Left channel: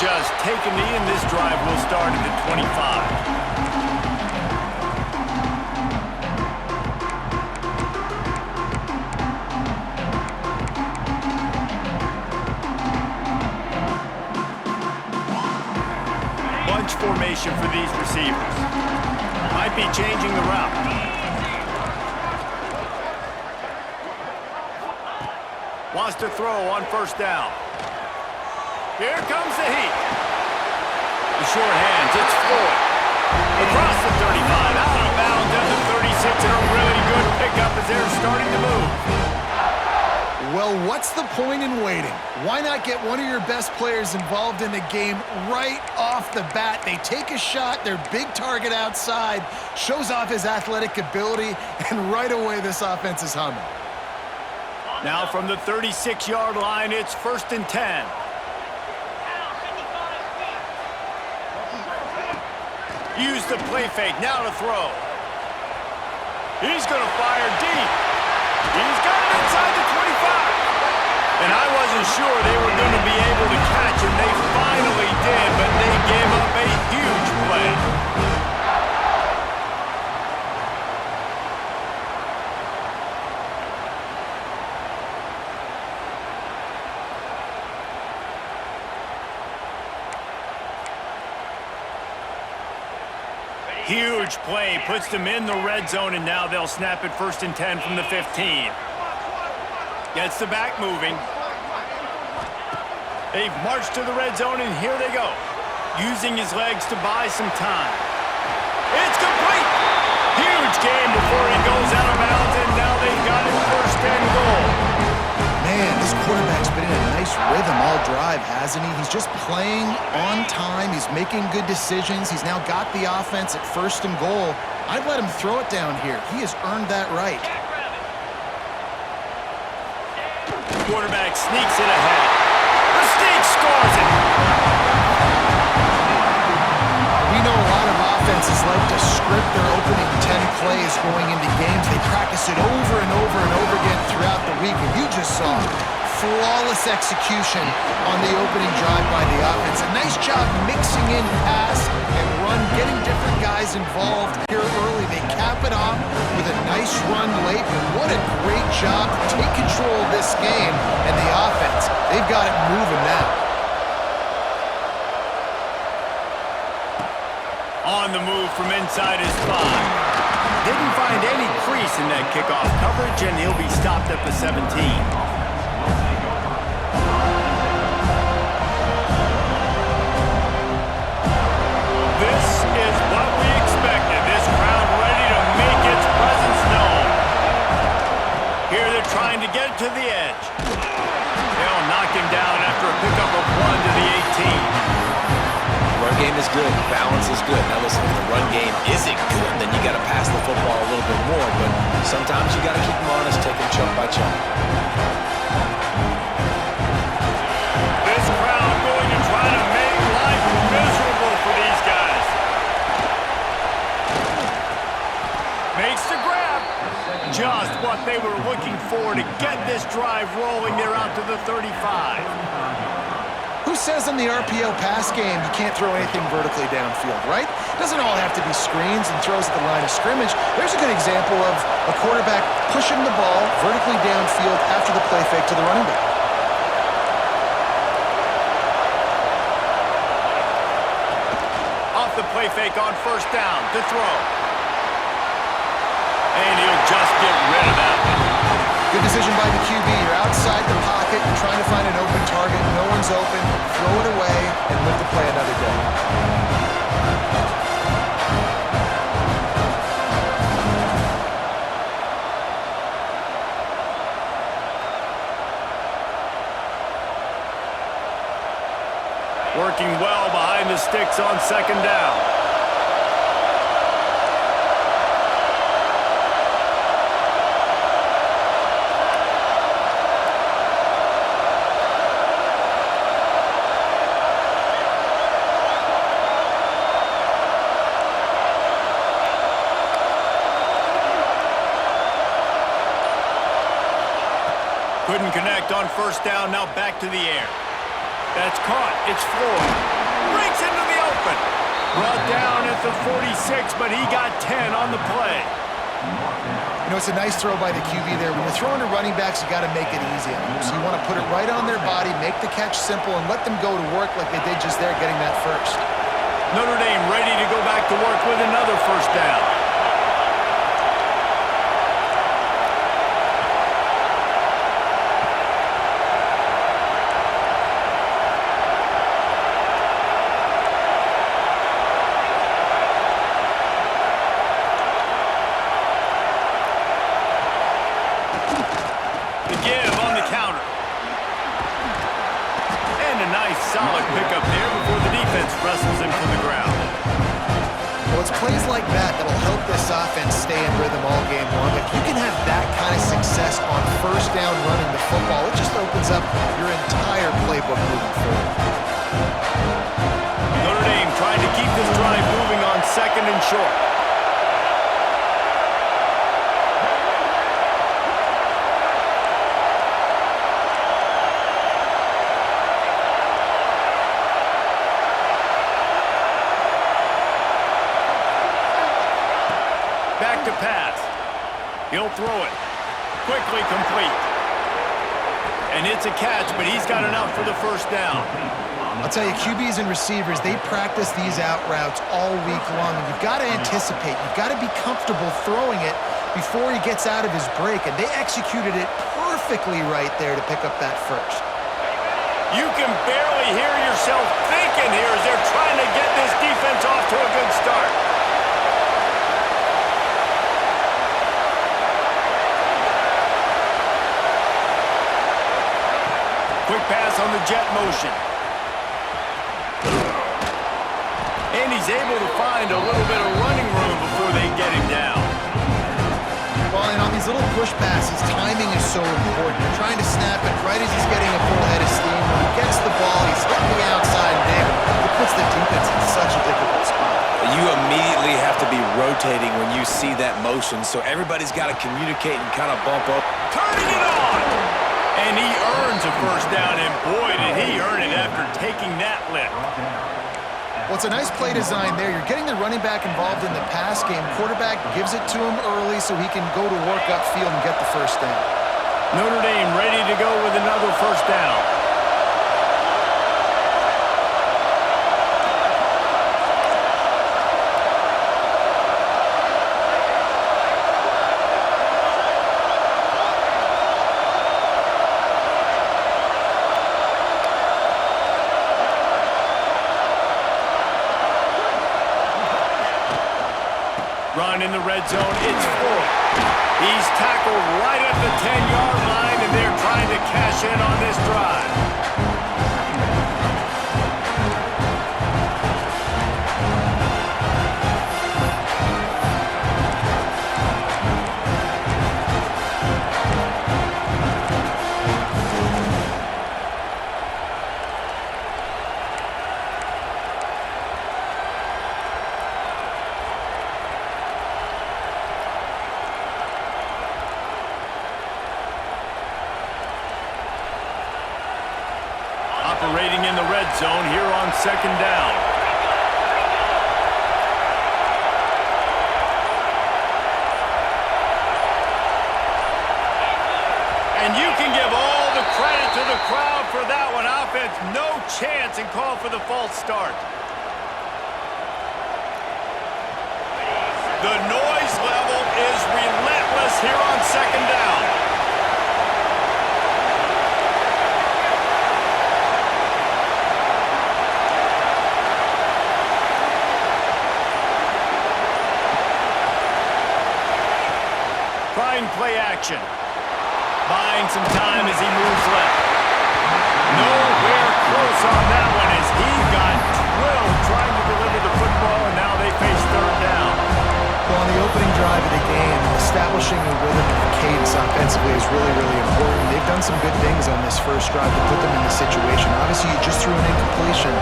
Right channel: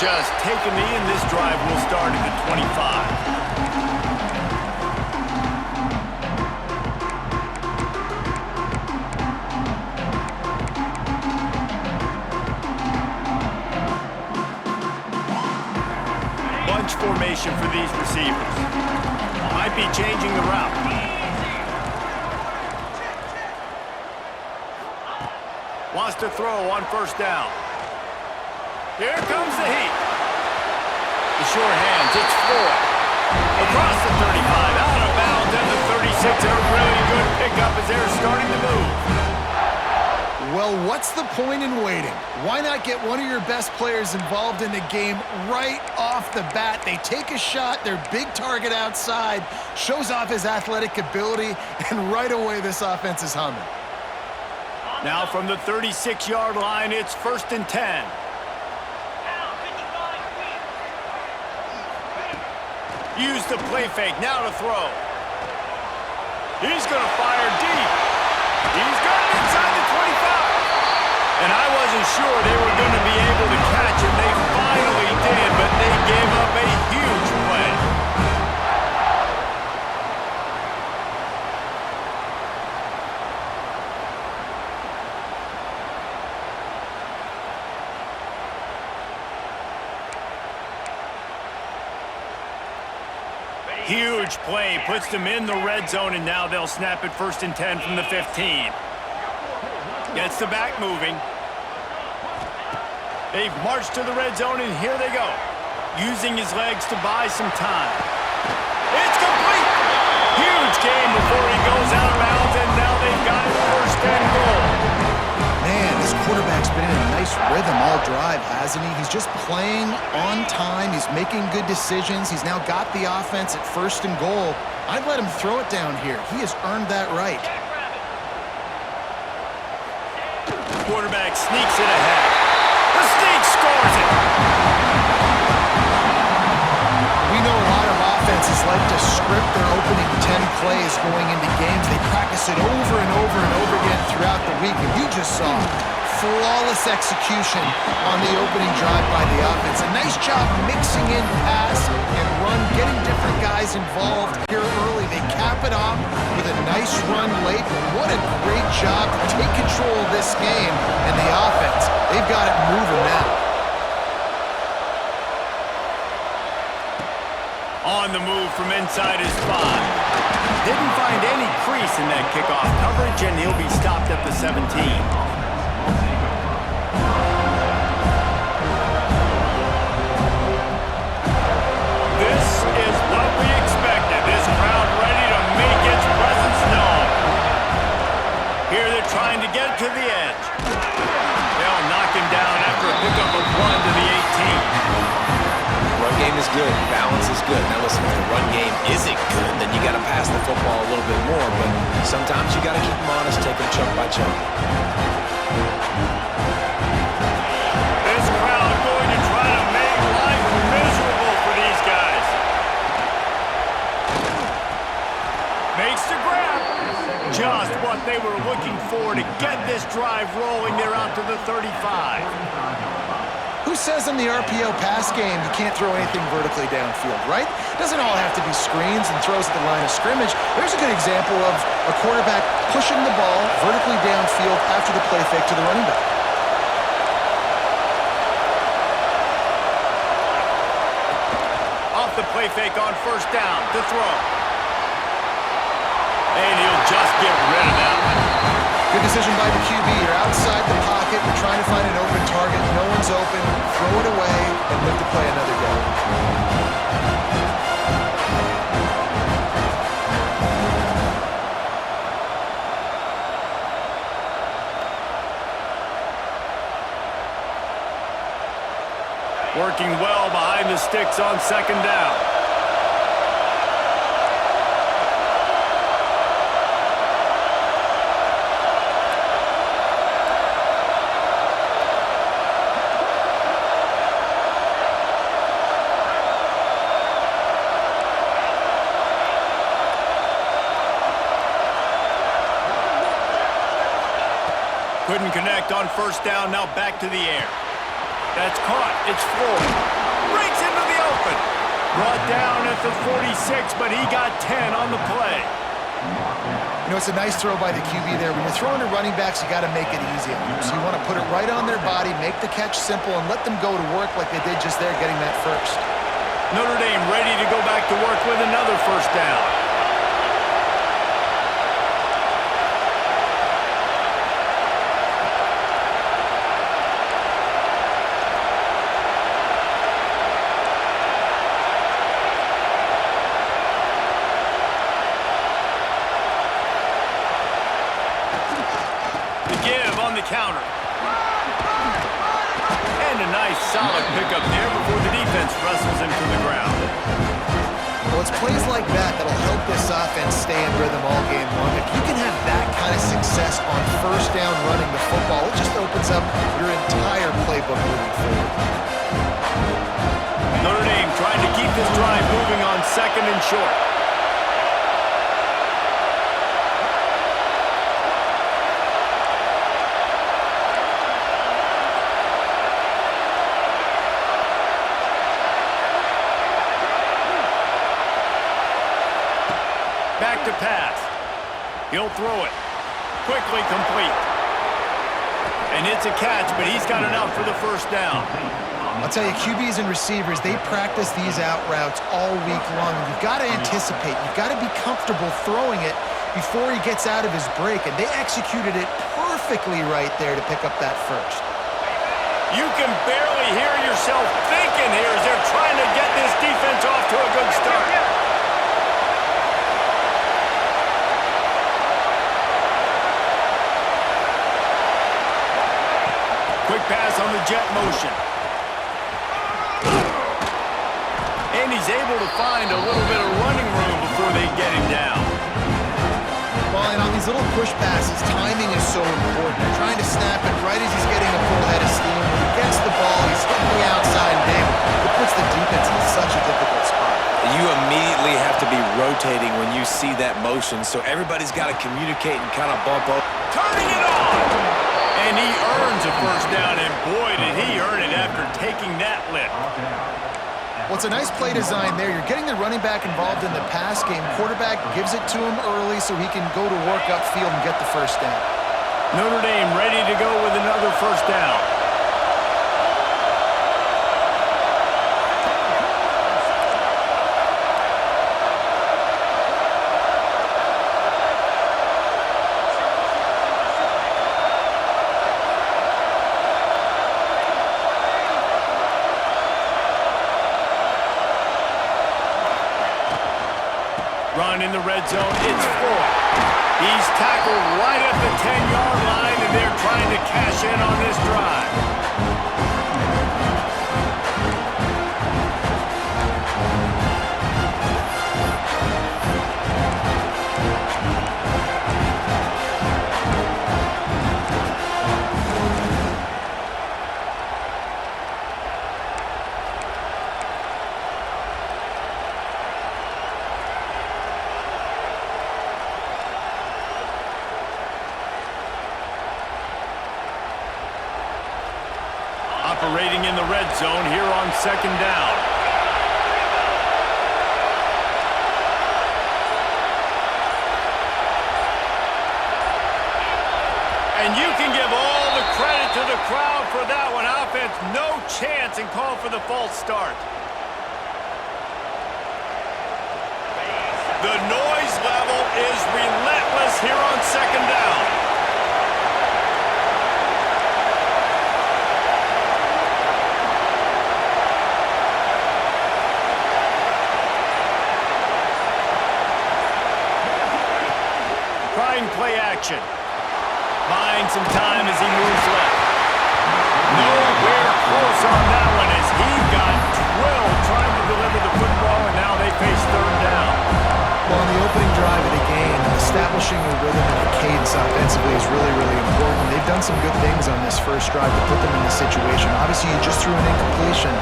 just take a knee, and this drive will start at the 25. Bunch formation for these receivers. Might be changing the route. Wants to throw on first down. Here comes the heat. The short hands, it's Floyd. Across the 35, out of bounds at the 36, and a really good pickup as they're starting to move. Well, what's the point in waiting? Why not get one of your best players involved in the game right off the bat? They take a shot, their big target outside, shows off his athletic ability, and right away this offense is humming. Now from the 36-yard line, it's 1st and 10. Use the play fake, now to throw. He's going to fire deep. He's got it inside the 25. And I wasn't sure they were going to be able to catch him. They finally did, but they gave up a huge play. Huge play, puts them in the red zone, and now they'll snap it 1st and 10 from the 15. Gets the back moving. They've marched to the red zone, and here they go. Using his legs to buy some time. It's complete! Huge game before he goes out of bounds, and now they've got it 1st and goal. Man, this quarterback's been in a nice rhythm all drive, hasn't he? He's just playing on time. He's making good decisions. He's now got the offense at 1st and goal. I'd let him throw it down here. He has earned that right. Quarterback sneaks it ahead. The sneak scores it. We know a lot of offenses like to script their opening 10 plays going into games. They practice it over and over and over again throughout the week, and you just saw flawless execution on the opening drive by the offense. A nice job mixing in pass and run, getting different guys involved here early. They cap it off with a nice run late, but what a great job to take control of this game and the offense. They've got it moving now. On the move from inside his 5. Didn't find any crease in that kickoff coverage, and he'll be stopped at the 17. This is what we expected. This crowd ready to make its presence known. Here they're trying to get to the edge. They'll knock him down after a pickup of 1 to the 18. Run game is good. Balance is good. Now listen, if the run game isn't good, then you got to pass the football a little bit more. But sometimes you got to keep them honest, take them chunk by chunk. This crowd going to try to make life miserable for these guys. Makes the grab. Just what they were looking for to get this drive rolling. They're out to the 35. Who says in the RPO pass game you can't throw anything vertically downfield, right? Doesn't all have to be screens and throws at the line of scrimmage. There's a good example of a quarterback pushing the ball vertically downfield after the play fake to the running back. Off the play fake on 1st down to throw. And he'll just get rid of that one. Good decision by the QB. You're outside the pocket. You're trying to find an open target. No one's open. Throw it away and live to play another day. Working well behind the sticks on 2nd down. Couldn't connect on 1st down, now back to the air. That's caught. It's Floyd. breaks into the open. Brought down at the 46, but he got 10 on the play. You know, it's a nice throw by the QB there. When you're throwing to running backs, you got to make it easy on them. So you want to put it right on their body, make the catch simple, and let them go to work like they did just there, getting that first. Notre Dame ready to go back to work with another first down. The give on the counter. And a nice solid pickup there before the defense wrestles him to the ground. Well, it's plays like that that'll help this offense stay in rhythm all game long. If you can have that kind of success on first down running the football, it just opens up your entire playbook moving forward. Notre Dame trying to keep this drive moving on second and short. Back to pass. He'll throw it. Quickly complete. And it's a catch, but he's got enough for the first down. I'll tell you, QBs and receivers, they practice these out routes all week long, and you've got to anticipate. You've got to be comfortable throwing it before he gets out of his break, and they executed it perfectly right there to pick up that first. You can barely hear yourself thinking here as they're trying to get this defense off to a good start. Quick pass on the jet motion. And he's able to find a little bit of running room before they get him down. Well, and on these little push passes, timing is so important. They're trying to snap it right as he's getting a full head of steam. When he gets the ball, he's hitting the outside, and David, it puts the defense in such a difficult spot. You immediately have to be rotating when you see that motion, so everybody's got to communicate and kind of bump up. Turning it on! And he earns a first down, and boy, did he earn it after taking that lift. Well, it's a nice play design there. You're getting the running back involved in the pass game. Quarterback gives it to him early so he can go to work upfield and get the first down. Notre Dame ready to go with another first down. Run in the red zone, it's Floyd. He's tackled right at the 10-yard line, and they're trying to cash in on this drive. Operating in the red zone here on second down. And you can give all the credit to the crowd for that one. Offense, no chance, and call for the false start. The noise level is relentless here on second down. Trying play action. Buying some time as he moves left. Nowhere close on that one as he got drilled trying to deliver the football, and now they face third down. Well, on the opening drive of the game, establishing a rhythm and a cadence offensively is really, really important. They've done some good things on this first drive to put them in this situation. Obviously, you just threw an incompletion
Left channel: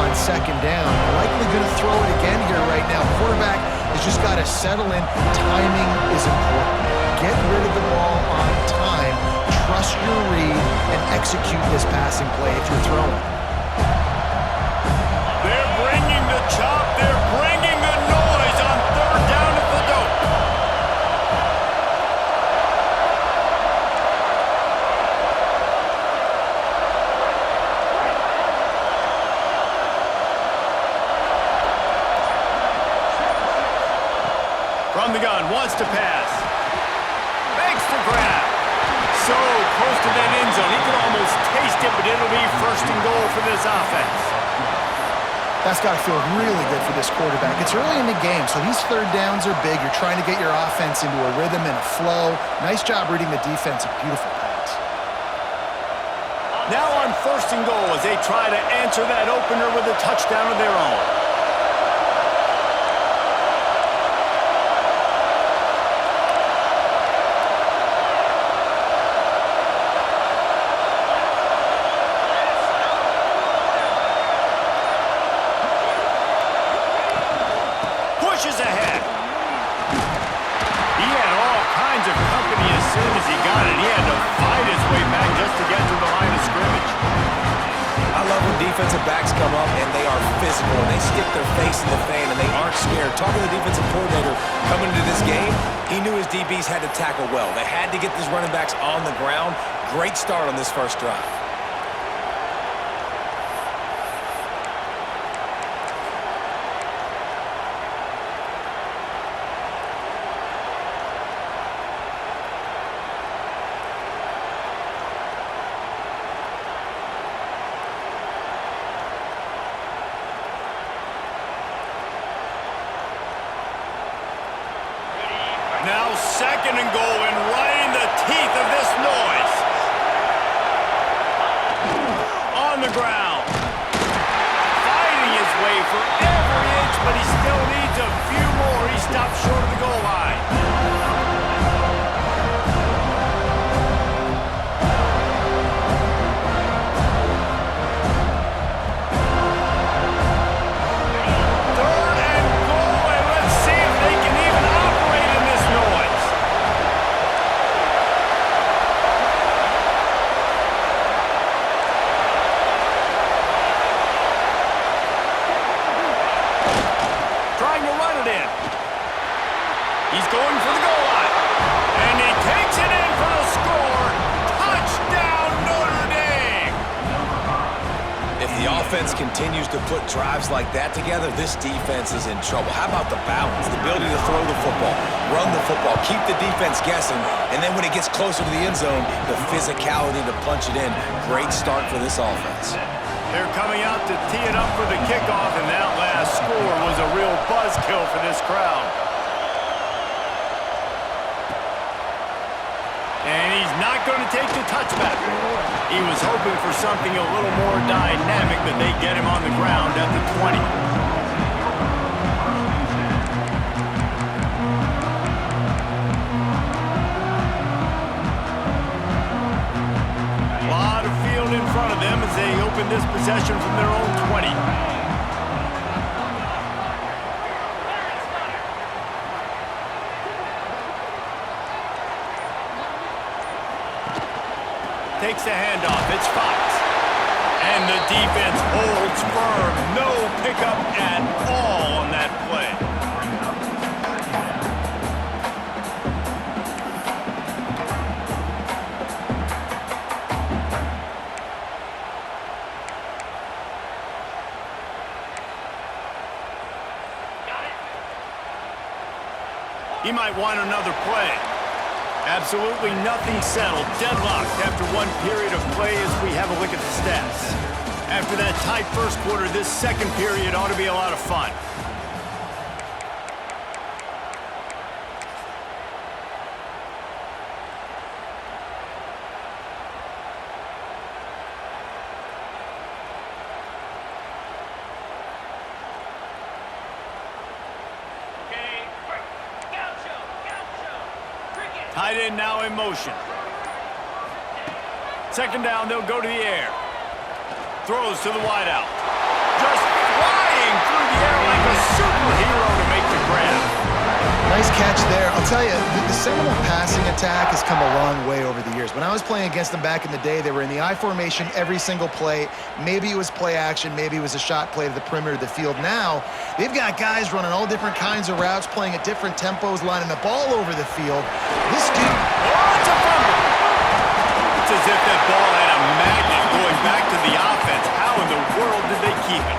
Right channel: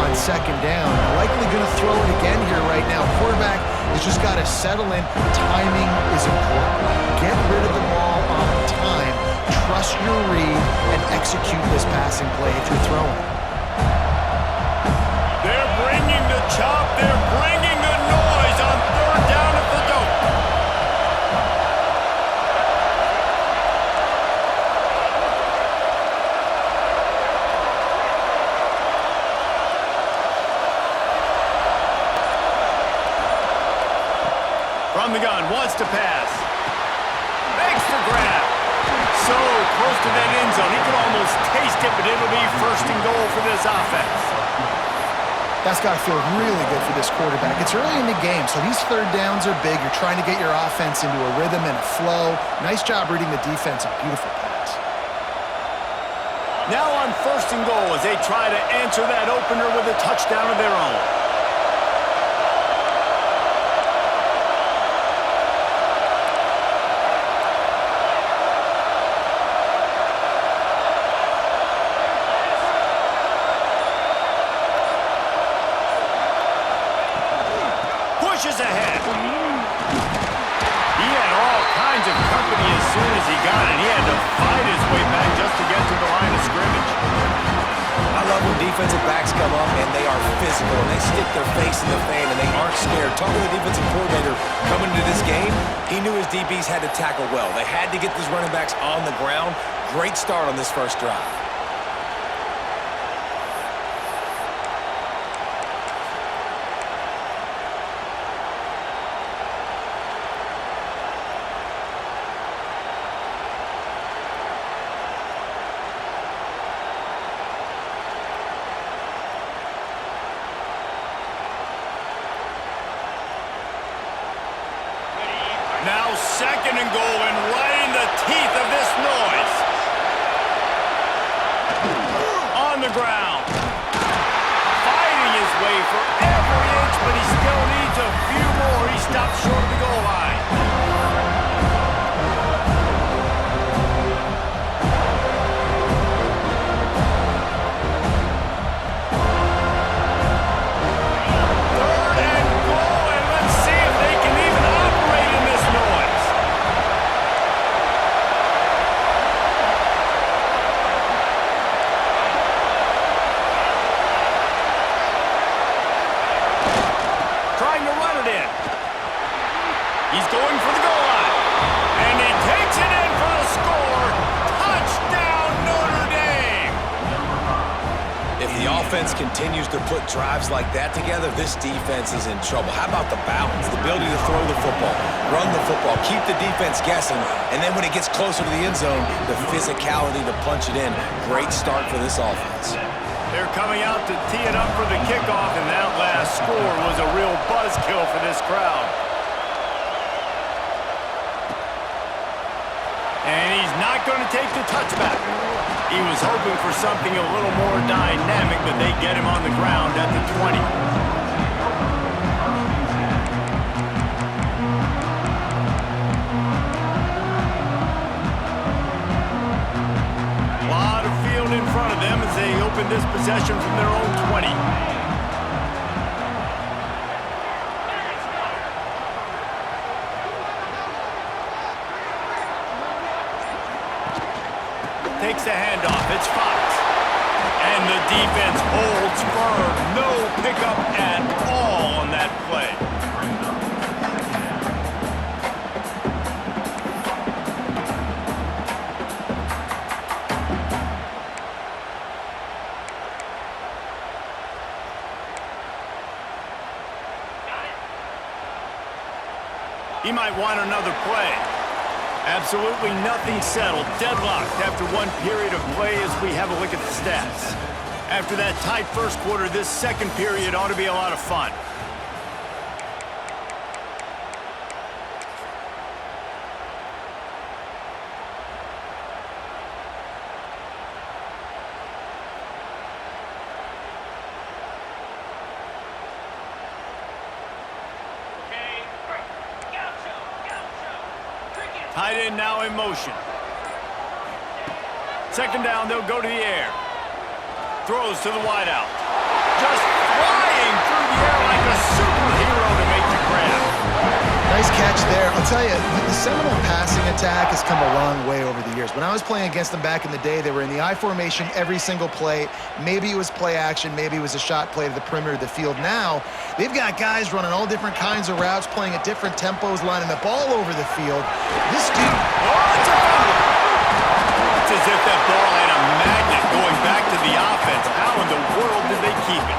on second down. Likely going to throw it again here right now. Quarterback has just got to settle in. Timing is important. Get rid of the ball on time. Trust your read and execute this passing play if you're throwing. They're chop. They're bringing the noise on third down at the dope. From the gun, wants to pass. Makes the grab. So close to that end zone. He can almost taste it, but it'll be first and goal for this offense. That's got to feel really good for this quarterback. It's early in the game, so these third downs are big. You're trying to get your offense into a rhythm and a flow. Nice job reading the defense. A beautiful pass. Now on first and goal as they try to answer that opener with a touchdown of their own. Pushes ahead. He had all kinds of company as soon as he got it. He had to fight his way back just to get to the line of scrimmage. I love when defensive backs come up and they are physical and they stick their face in the fan and they aren't scared. Talking to the defensive coordinator coming into this game, he knew his DBs had to tackle well. They had to get these running backs on the ground. Great start on this first drive. Now second and goal and right in the teeth of this noise. On the ground. Fighting his way for every inch, but he still needs a few more. He stops short of the goal line. Trying to run it in. He's going for the goal line. And he takes it in for the score. Touchdown, Notre Dame! If the offense continues to put drives like that together, this defense is in trouble. How about the balance, the ability to throw the football, run the football, keep the defense guessing, and then when it gets closer to the end zone, the physicality to punch it in. Great start for this offense. They're coming out to tee it up for the kickoff, and that last score was a real buzzkill for this crowd. And he's not going to take the touchback. He was hoping for something a little more dynamic, but they get him on the ground at the 20. In front of them as they open this possession from their own 20. Takes the handoff. It's Fox. And the defense holds firm. No pickup at all on that play. He might want another play. Absolutely nothing settled. Deadlocked after one period of play as we have a look at the stats. After that tight first quarter, this second period ought to be a lot of fun. Tight end now in motion. Second down, they'll go to the air. Throws to the wideout. Just flying through the air like a superhero to make the grab. Nice catch there. I'll tell you, the Seminole passing attack has come a long way over the years. When I was playing against them back in the day, they were in the I formation every single play. Maybe it was play action. Maybe it was a shot play to the perimeter of the field. Now, they've got guys running all different kinds of routes, playing at different tempos, lining up all over the field. This dude... Oh, it's a fumble! It's as if that ball had a magnet going back to the offense. How in the world did they keep it?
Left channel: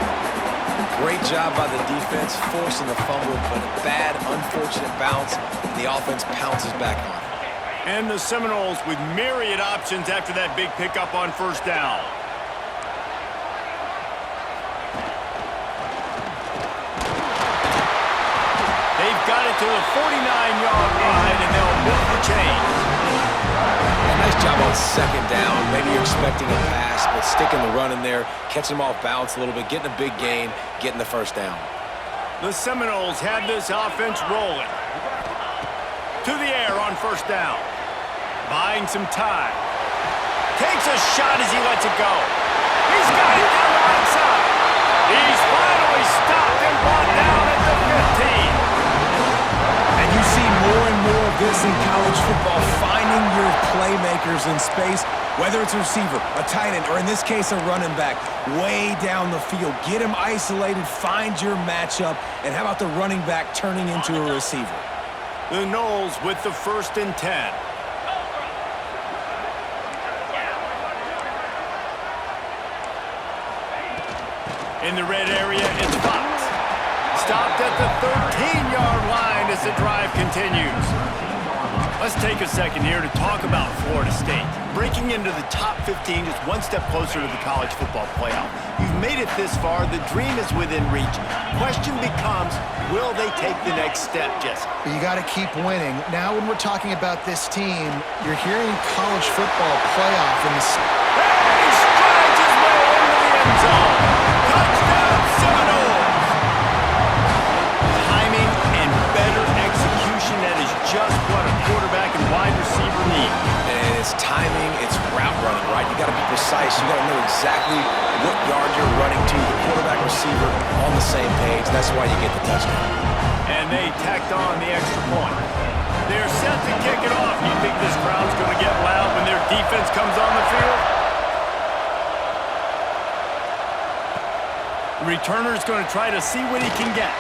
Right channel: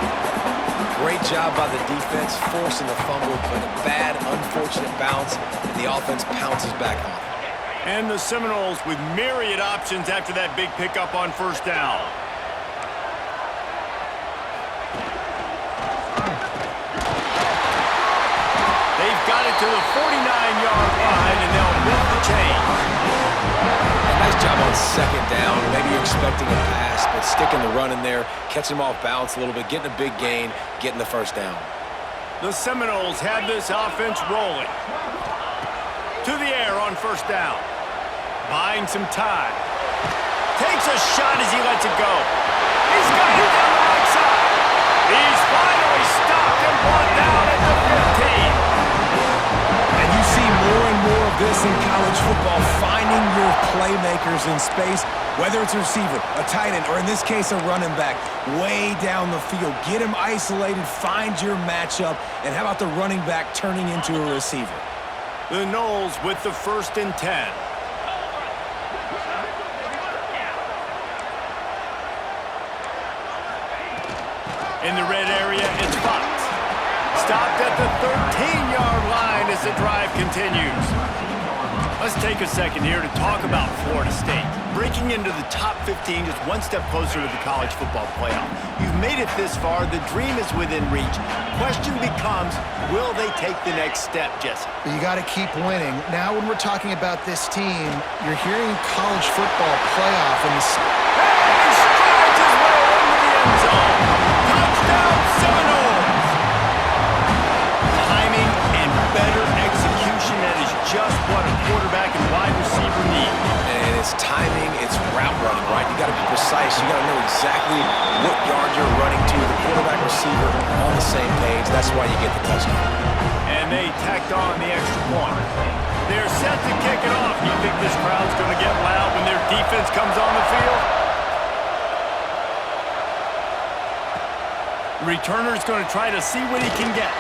Great job by the defense, forcing the fumble, but a bad, unfortunate bounce, and the offense pounces back on it. And the Seminoles with myriad options after that big pickup on first down. They've got it to the 49-yard line, and they'll move the chains. And nice job on second down. Maybe you're expecting a pass, but sticking the run in there, catching them off balance a little bit, getting a big gain, getting the first down. The Seminoles have this offense rolling. To the air on first down. Buying some time. Takes a shot as he lets it go. He's got it down the right side. He's finally stopped and brought down at the 15. And you see more and more of this in college football, finding your playmakers in space, whether it's a receiver, a tight end, or in this case, a running back, way down the field. Get him isolated, find your matchup, and how about the running back turning into a receiver? The Noles with the 1st and 10. In the red area, it's Fox. Stopped at the 13-yard line as the drive continues. Let's take a second here to talk about Florida State. Breaking into the top 15 just one step closer to the college football playoff. You've made it this far. The dream is within reach. Question becomes, will they take the next step, Jesse? But you got to keep winning. Now when we're talking about this team, you're hearing college football playoff in the... And he strides his way into the end zone. Touchdown, Seminoles! Timing and better execution, that is just what a quarterback and wide receiver need. And it's timing, it's route running, right? You got to be precise. You got to know exactly what yard you're running to. The quarterback receiver on the same page. That's why you get the touchdown. And they tacked on the extra point. They're set to kick it off. You think this crowd's going to get loud when their defense comes on the field? The returner's going to try to see what he can get.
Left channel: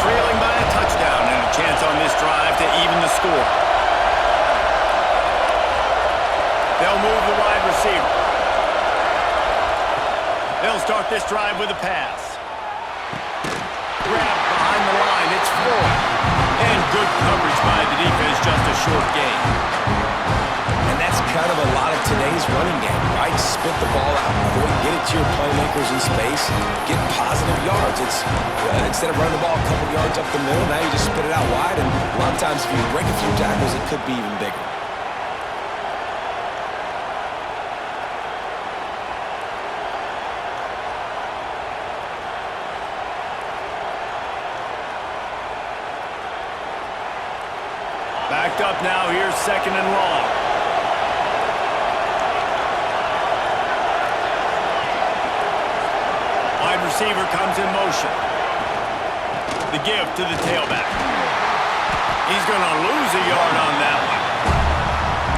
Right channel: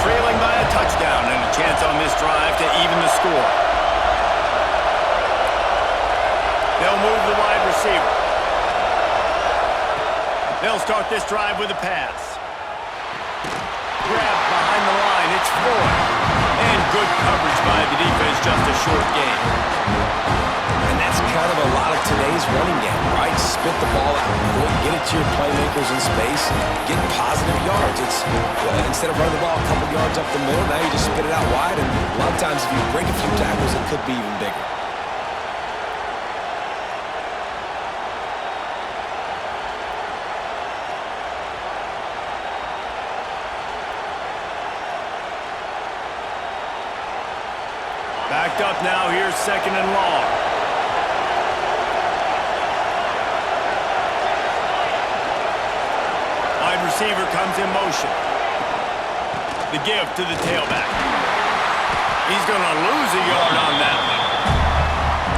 Trailing by a touchdown and a chance on this drive to even the score. They'll move the wide receiver. They'll start this drive with a pass. Grabbed behind the line, it's Floyd. And good coverage by the defense, just a short gain. And that's kind of a lot of today's running game, right? Spit the ball out quick, get it to your playmakers in space, get positive yards. It's instead of running the ball a couple yards up the middle, now you just spit it out wide, and a lot of times if you break a few tackles, it could be even bigger. Backed up now, here's 2nd and long. Wide receiver comes in motion. The give to the tailback. He's going to lose a yard on that one.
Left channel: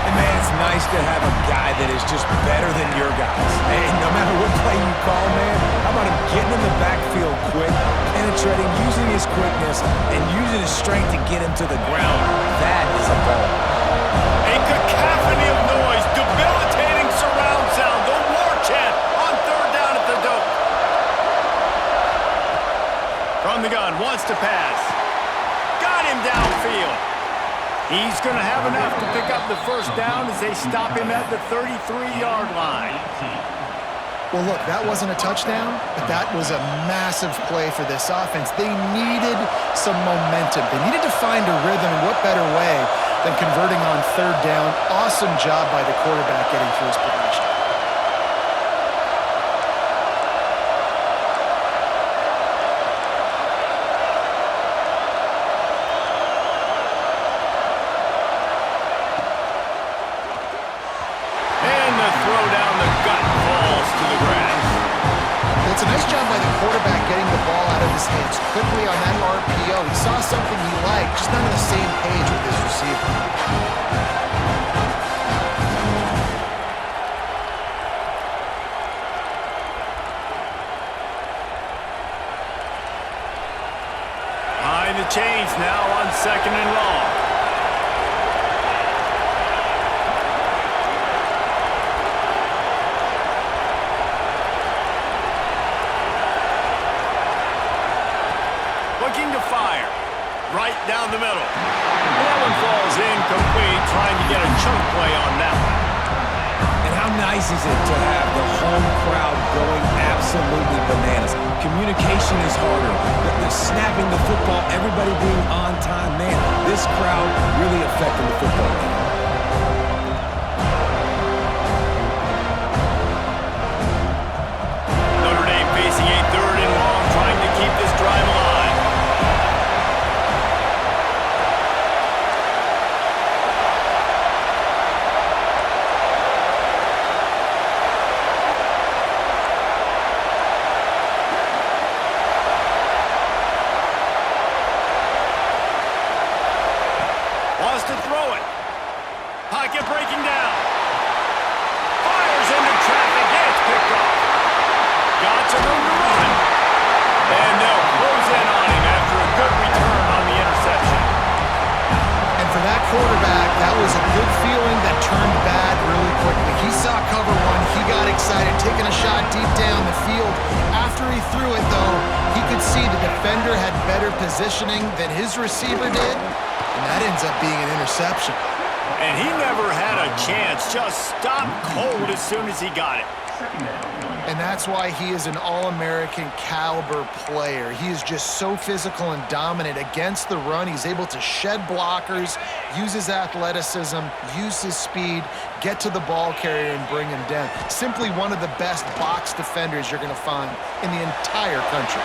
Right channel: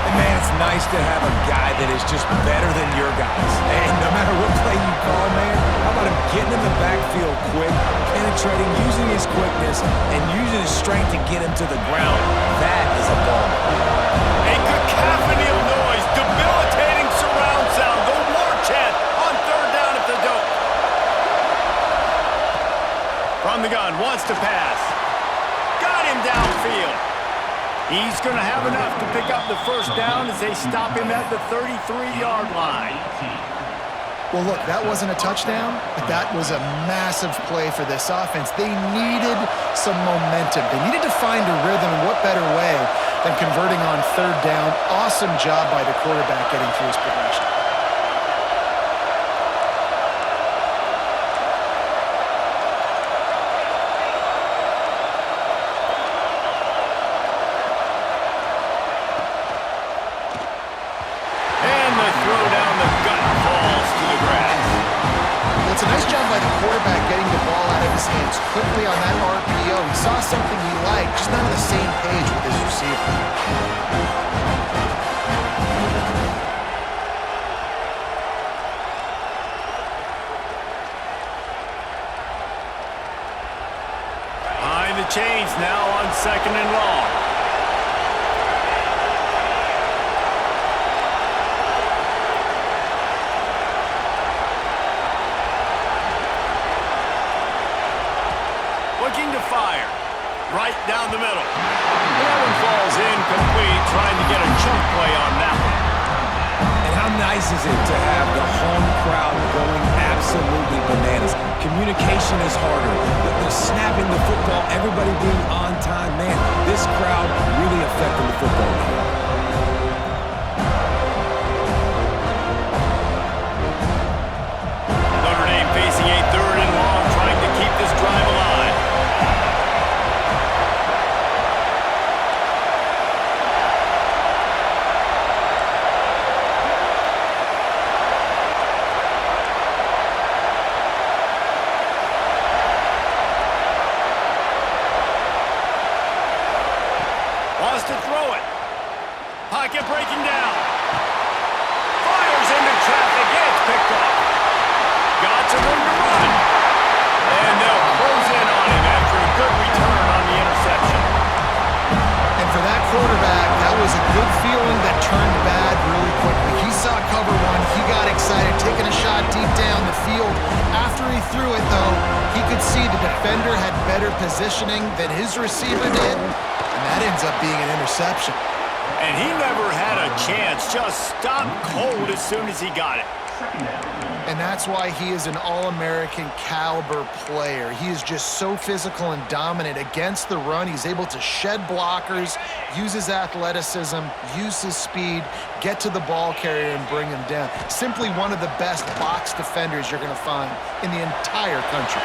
And man, it's nice to have a guy that is just better than your guys. And no matter what play you call, man, how about him getting in the backfield quick, penetrating, using his quickness, and using his strength to get him to the ground. That is a ball. A cacophony of noise, debilitating surround sound, the war chant on 3rd down at the dope. From the gun, wants to pass. Got him downfield. He's going to have enough to pick up the first down as they stop him at the 33-yard line. Well, look, that wasn't a touchdown, but that was a massive play for this offense. They needed some momentum. They needed to find a rhythm, and what better way than converting on 3rd down. Awesome job by the quarterback getting through his progression. by the quarterback getting the ball out of his hands quickly on that RPO. He saw something he liked, just not on the same page with his receiver. Behind the chains now on 2nd and long. Looking to fire. Right down the middle. And that one falls incomplete, trying to get a chunk play on that one. And how nice is it to have the home crowd going absolutely bananas? Communication is harder. The snapping the football, everybody being on time. Man, this crowd really affecting the football game. Notre Dame facing a 3rd and long, trying to keep this drive alive. Wants to throw it. Pocket breaking down. Fires into traffic. It's picked off. Got some room to run. And they'll close in on him after a good return on the interception. And for that quarterback, that was a good feeling that turned bad really quickly. He saw cover one. He got excited, taking a shot deep down the field. After he threw it, though, he could see the defender had better positioning than his receiver did. And that ends up being an interception. And he never had a chance. Just stopped cold as soon as he got it. And that's why he is an All-American caliber player. He is just so physical and dominant against the run. He's able to shed blockers, use his athleticism, use his speed, get to the ball carrier and bring him down. Simply one of the best box defenders you're going to find in the entire country.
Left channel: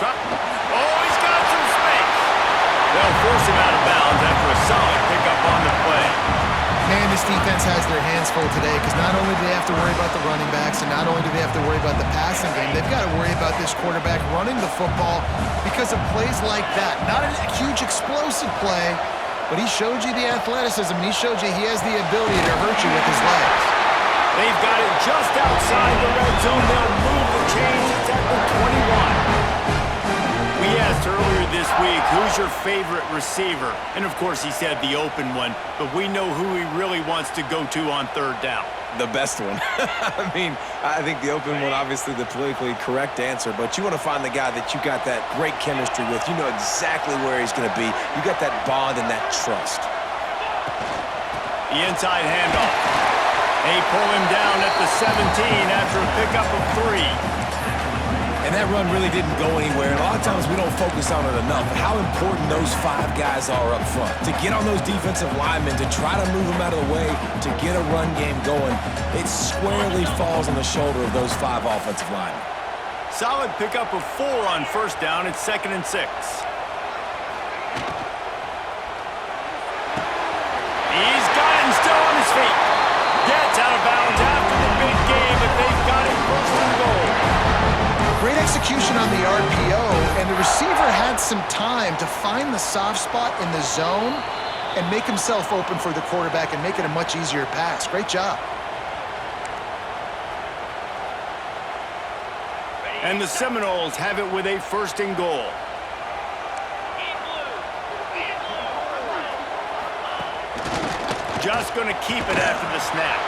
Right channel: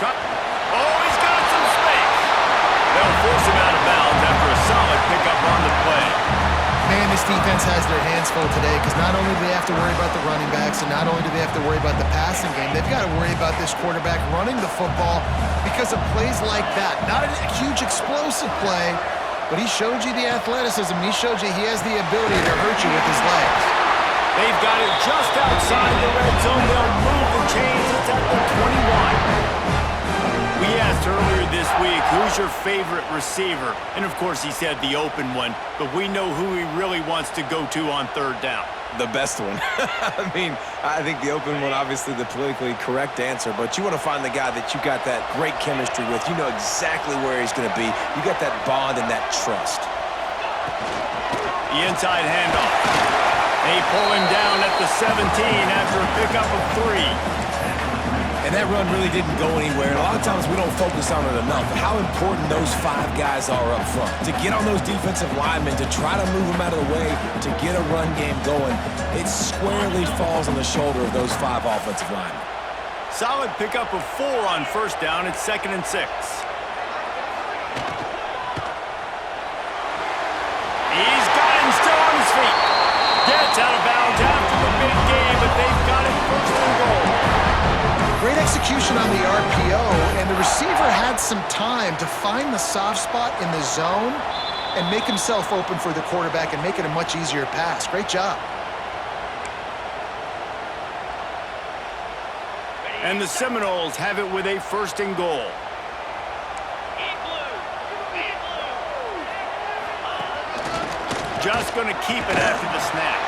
Oh, he's got some space. They'll force him out of bounds after a solid pickup on the play. Man, this defense has their hands full today because not only do they have to worry about the running backs and not only do they have to worry about the passing game, they've got to worry about this quarterback running the football because of plays like that. Not a huge explosive play, but he showed you the athleticism. He showed you he has the ability to hurt you with his legs. They've got it just outside the red zone. They'll move the chains. It's at the 21. We asked earlier this week, who's your favorite receiver? And of course he said the open one, but we know who he really wants to go to on 3rd down. The best one. I mean, I think the open one, obviously the politically correct answer, but you want to find the guy that you got that great chemistry with. You know exactly where he's going to be. You got that bond and that trust. The inside handoff. They pull him down at the 17 after a pickup of 3. And that run really didn't go anywhere. And a lot of times we don't focus on it enough. But how important those 5 guys are up front. To get on those defensive linemen, to try to move them out of the way, to get a run game going, it squarely falls on the shoulder of those 5 offensive linemen. Solid pickup of 4 on 1st down. It's 2nd and 6. He's got him still on his feet. Gets out of bounds after the big game, but they've got it 1st and goal. Great execution on the RPO, and the receiver had some time to find the soft spot in the zone and make himself open for the quarterback and make it a much easier pass. Great job. And the Seminoles have it with a 1st and goal. Just going to keep it after the snap.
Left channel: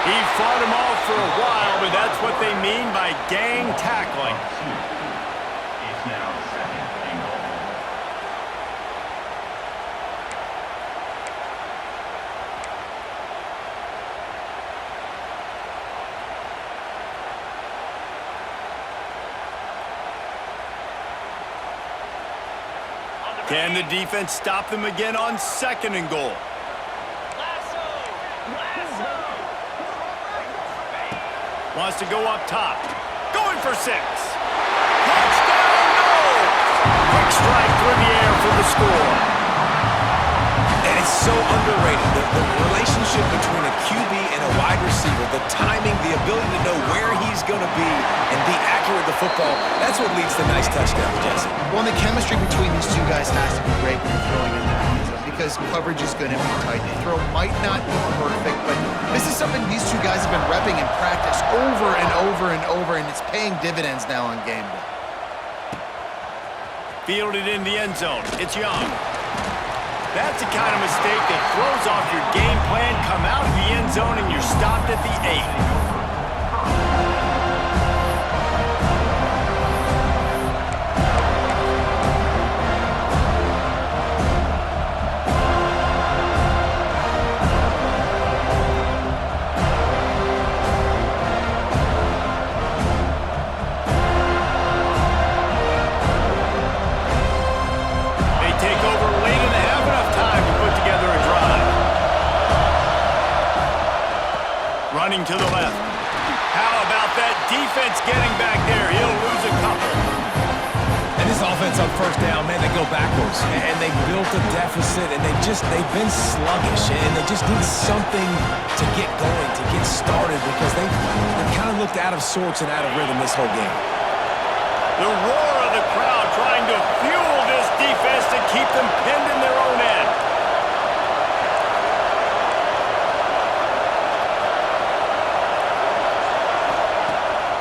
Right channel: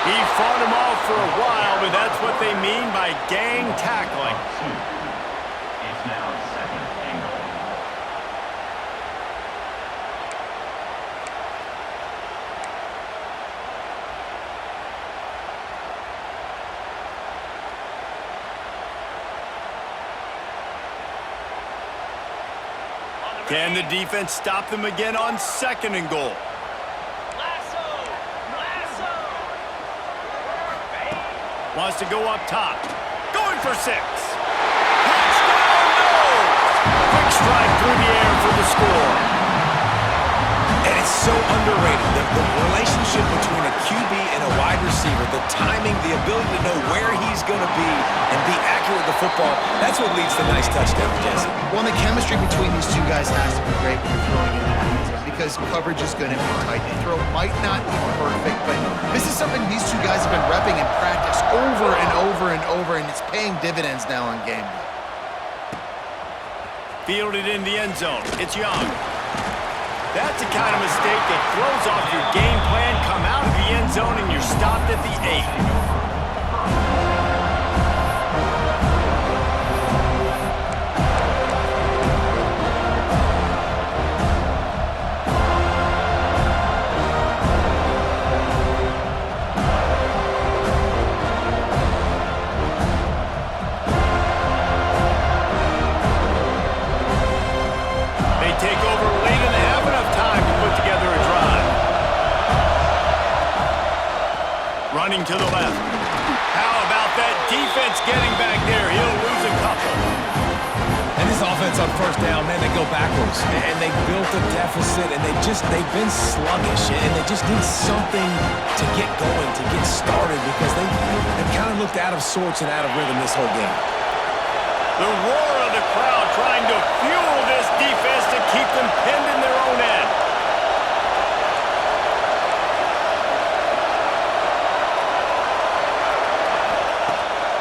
He fought him off for a while, but that's what they mean by gang tackling. It's now 2nd and goal. Can the defense stop them again on 2nd and goal? Wants to go up top. Going for 6. Touchdown, no! Quick strike through the air for the score. And it's so underrated. The relationship between a QB and a wide receiver, the timing, the ability to know where he's going to be and be accurate with the football, that's what leads to nice touchdowns, Jesse. Well, and the chemistry between these two guys has to be great when you're throwing in that end zone because coverage is going to be tight. The throw might not be perfect, but this is something these two guys have been repping in practice over and over and over, and it's paying dividends now on game day. Fielded in the end zone. It's Young. That's the kind of mistake that throws off your game plan. Come out of the end zone and you're stopped at the 8. Running to the left. How about that defense getting back there? He'll lose a couple. And this offense on first down, man, they go backwards. And they built a deficit, and they've been sluggish. And they just need something to get going, to get started, because they've kind of looked out of sorts and out of rhythm this whole game. The roar of the crowd trying to fuel this defense to keep them pinned in their own end.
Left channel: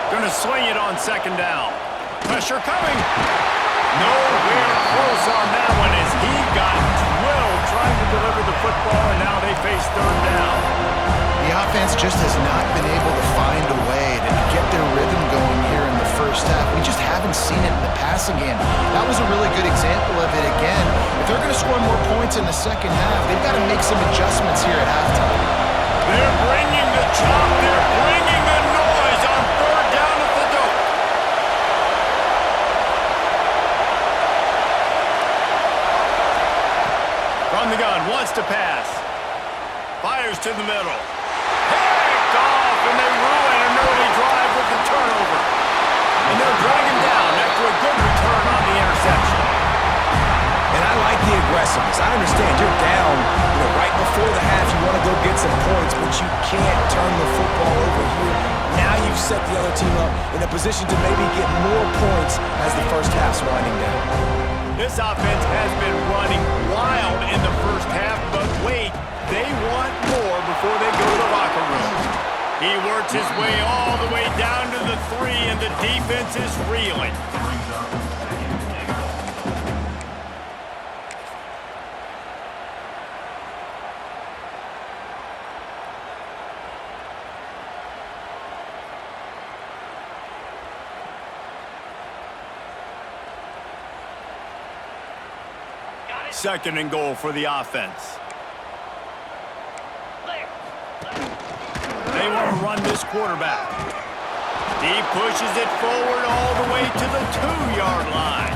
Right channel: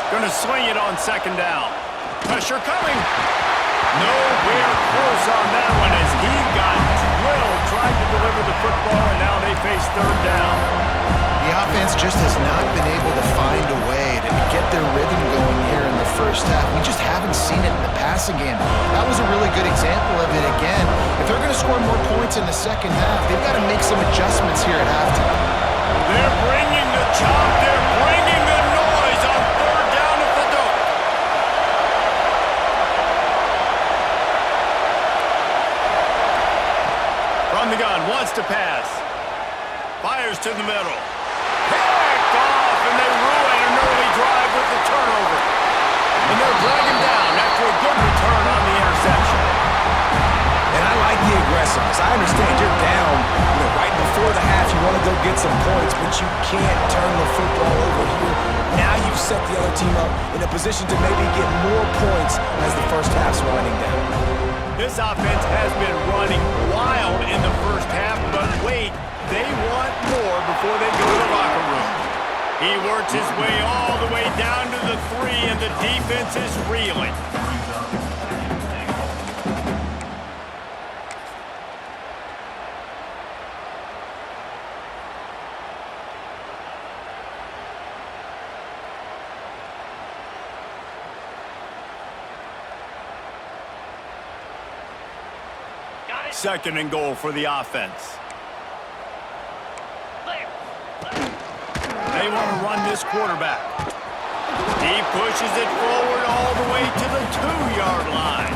Going to swing it on second down. Pressure coming. Nowhere close on that one as he got drilled trying to deliver the football, and now they face third down. The offense just has not been able to find a way to get their rhythm going here in the first half. We just haven't seen it in the passing game. That was a really good example of it again. If they're going to score more points in the second half, they've got to make some adjustments here at halftime. They're bringing the chop. They're bringing the noise on third down at the dope. From the gun, wants to pass. Fires to the middle. Picked off, and they ruin an early drive with the turnover. And they'll drag him down after a good return on the interception. And I like the aggressiveness. I understand you're down, right before the half. You want to go get some points, but you can't turn the football over here. Now you've set the other team up in a position to maybe get more points as the first half's winding down. This offense has been running wild in the first half, but wait, they want more before they go to the locker room. He works his way all the way down to the 3, and the defense is reeling. Second and goal for the offense. They want to run this quarterback. He pushes it forward all the way to the 2-yard line.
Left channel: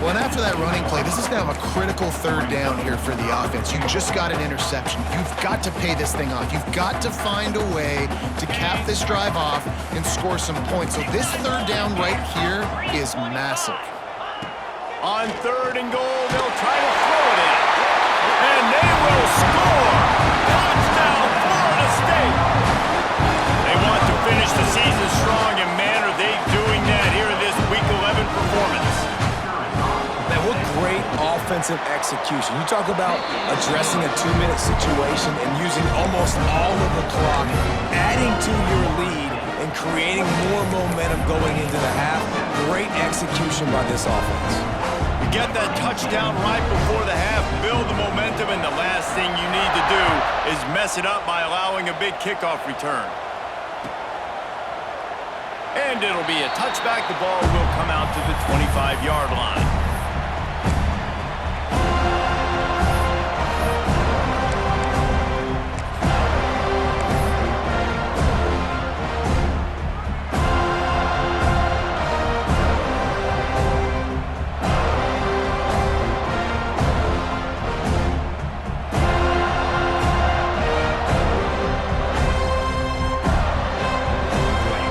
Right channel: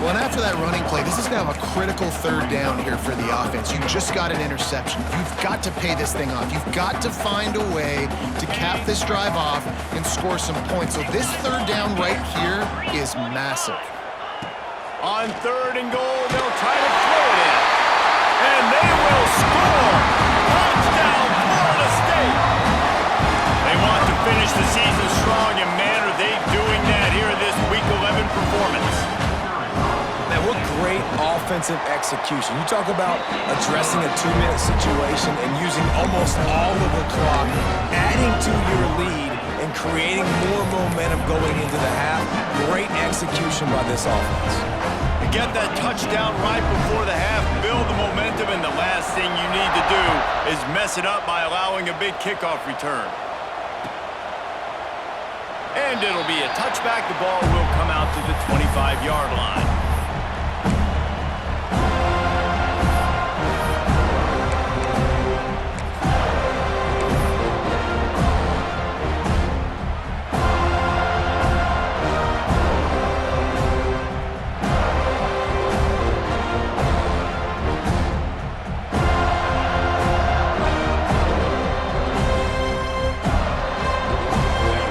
Well, and after that running play, this is now a critical third down here for the offense. You just got an interception. You've got to pay this thing off. You've got to find a way to cap this drive off and score some points. So this third down right here is massive. On third and goal, they'll try to throw it in. And they will score! Touchdown, Florida State! They want to finish the season strong, and man, are they doing that here in this Week 11 performance. Man, what great offensive execution. You talk about addressing a 2-minute situation and using almost all of the clock, adding to your lead, and creating more momentum going into the half. Great execution by this offense. You get that touchdown right before the half, build the momentum, and the last thing you need to do is mess it up by allowing a big kickoff return. And it'll be a touchback. The ball will come out to the 25-yard line.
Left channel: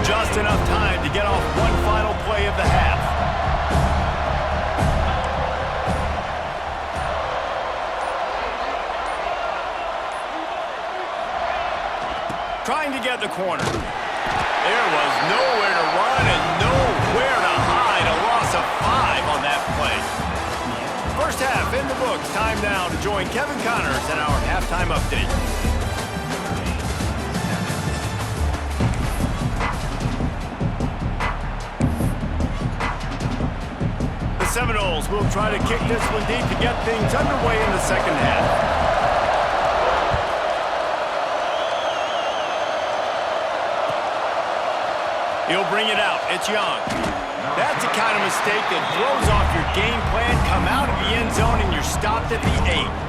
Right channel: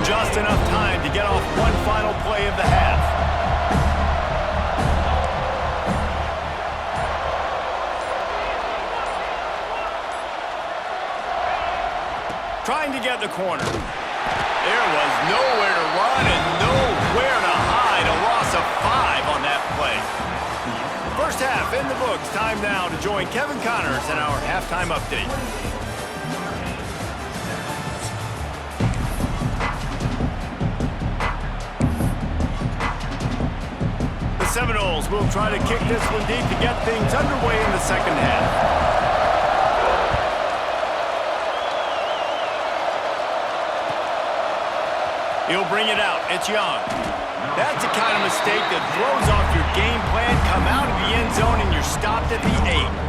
Just enough time to get off one final play of the half. trying to get the corner. There was nowhere to run and nowhere to hide. A loss of 5 on that play. First half in the books. Time now to join Kevin Connors in our halftime update. The Seminoles will try to kick this one deep to get things underway in the second half. He'll bring it out. It's Young. That's the kind of mistake that throws off your game plan. Come out of the end zone and you're stopped at the 8.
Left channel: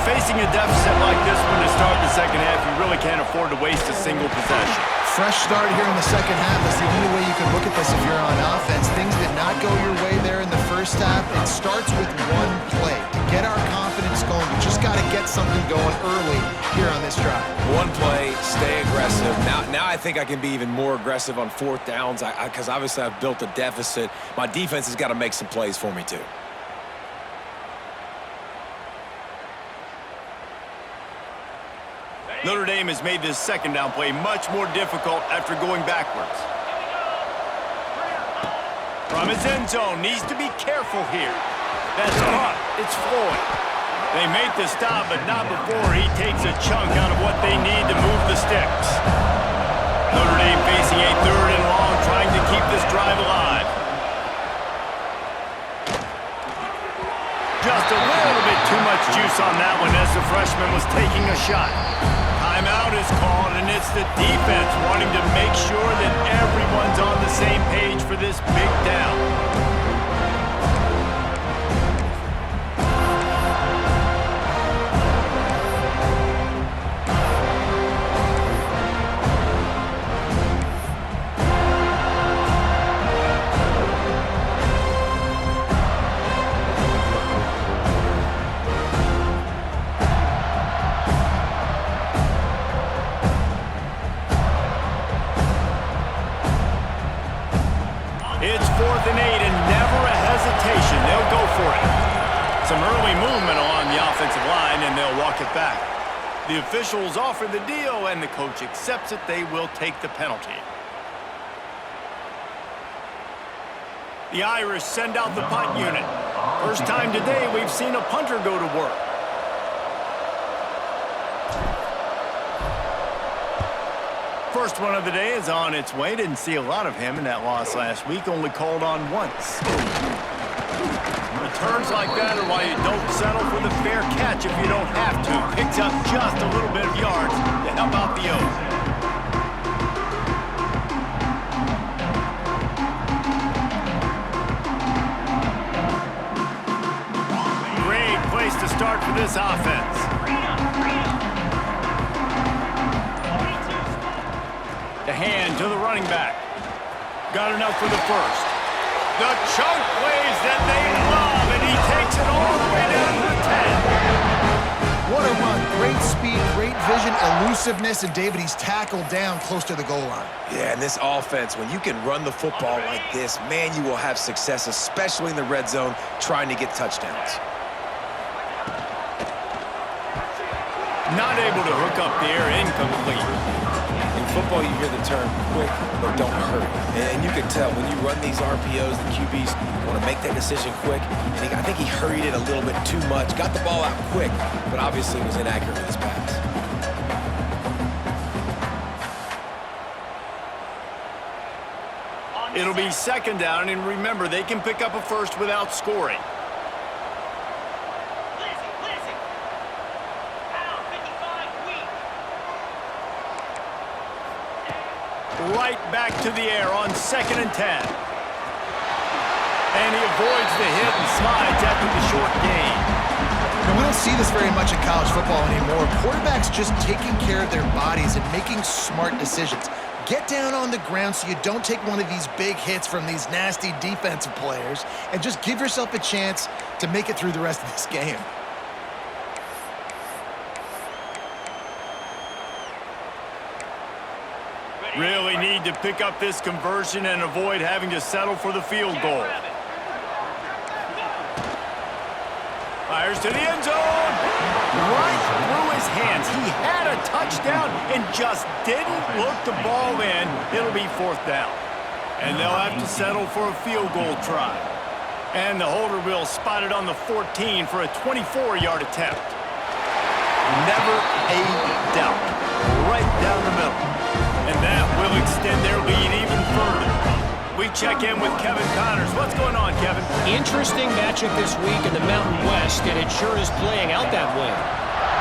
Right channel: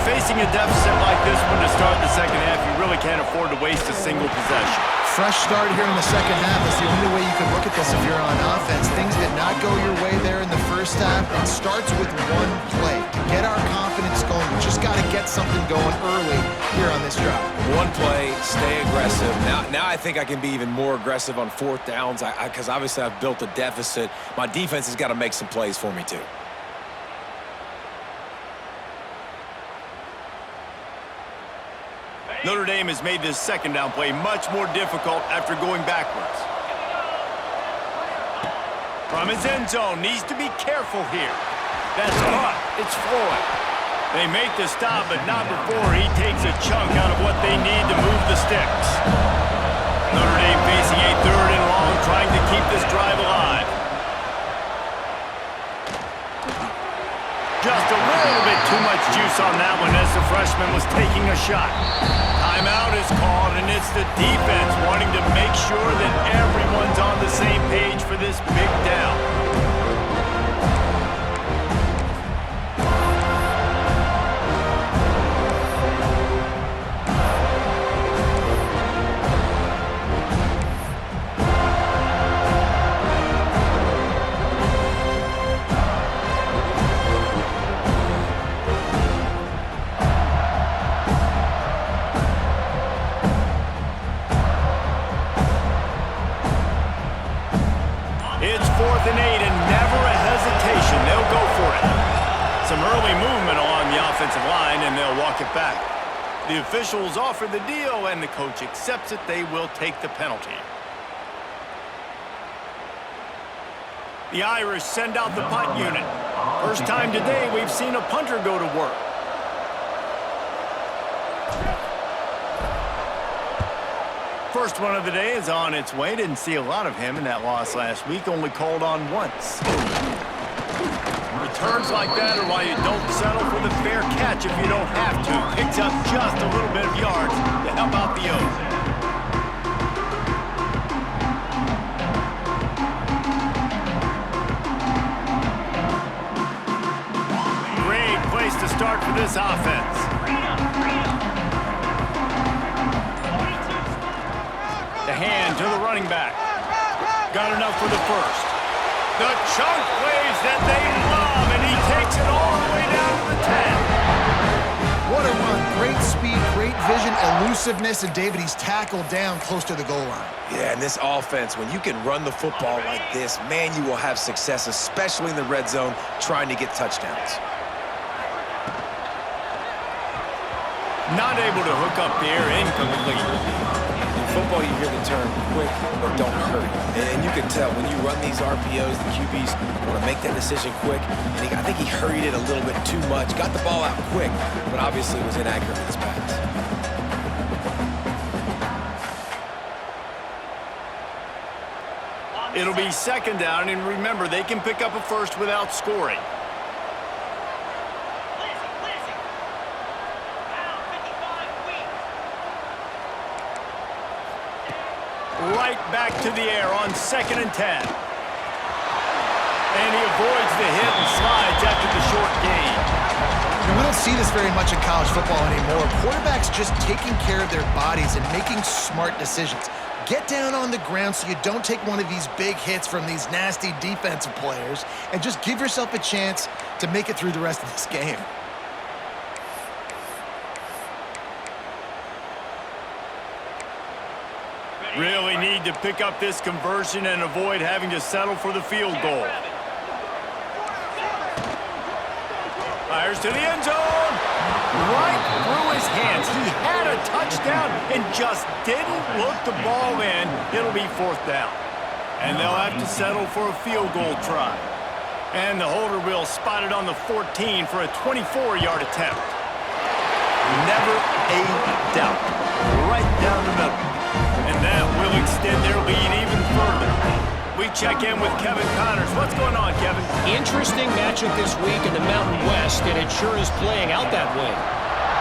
Facing a deficit like this one to start the second half, you really can't afford to waste a single possession. Fresh start here in the second half. That's the only way you can look at this if you're on offense. Things did not go your way there in the first half. It starts with one play. To get our confidence going, we just got to get something going early here on this drive. One play, stay aggressive. Now I think I can be even more aggressive on fourth downs because obviously I've built a deficit. My defense has got to make some plays for me too. Notre Dame has made this second down play much more difficult after going backwards. From his end zone, needs to be careful here. That's caught. It's Floyd. They make the stop, but not before he takes a chunk out of what they need to move the sticks. Notre Dame facing a 3rd and long, trying to keep this drive alive. Just a little bit too much juice on that one as the freshman was taking a shot. Timeout is called, and it's the defense wanting to make sure that everyone's on the same page for this big down. It's 4th and 8 and never a hesitation. They'll go for it. Some early movement along the offensive line and they'll walk it back. The officials offer the deal and the coach accepts it. They will take the penalty. The Irish send out the punt unit. First time today we've seen a punter go to work. First one of the day is on its way. Didn't see a lot of him in that loss last week. Only called on once. Returns like that are why you don't settle for the fair catch if you don't have to. Picks up just a little bit of yards to help out the O's. Great place to start for this offense. The hand to the running back. Got enough for the first. The chunk plays that they love, and he takes it all the way down to the 10. What a run. Great speed, great vision, elusiveness, and David, he's tackled down close to the goal line. Yeah, and this offense, when you can run the football like this, man, you will have success, especially in the red zone, trying to get touchdowns. Not able to hook up there, incomplete. In football, you hear the term quick, but don't hurry. And you can tell when you run these RPOs, the QBs want to make that decision quick. And I think he hurried it a little bit too much. Got the ball out quick, but obviously was inaccurate with his pass. It'll be second down, and remember, they can pick up a first without scoring. Right back to the air on 2nd and 10. And he avoids the hit and slides after the short gain. You know, we don't see this very much in college football anymore. Quarterbacks just taking care of their bodies and making smart decisions. Get down on the ground so you don't take one of these big hits from these nasty defensive players and just give yourself a chance to make it through the rest of this game. Really need to pick up this conversion and avoid having to settle for the field goal. Fires to the end zone. Right through his hands. He had a touchdown and just didn't look the ball in. It'll be 4th down. And they'll have to settle for a field goal try. And the holder will spot it on the 14 for a 24-yard attempt. Never a doubt. Right down the middle. And that will extend their lead even further. We check in with Kevin Connors. What's going on, Kevin? Interesting matchup this week in the Mountain West, and it sure is playing out that way.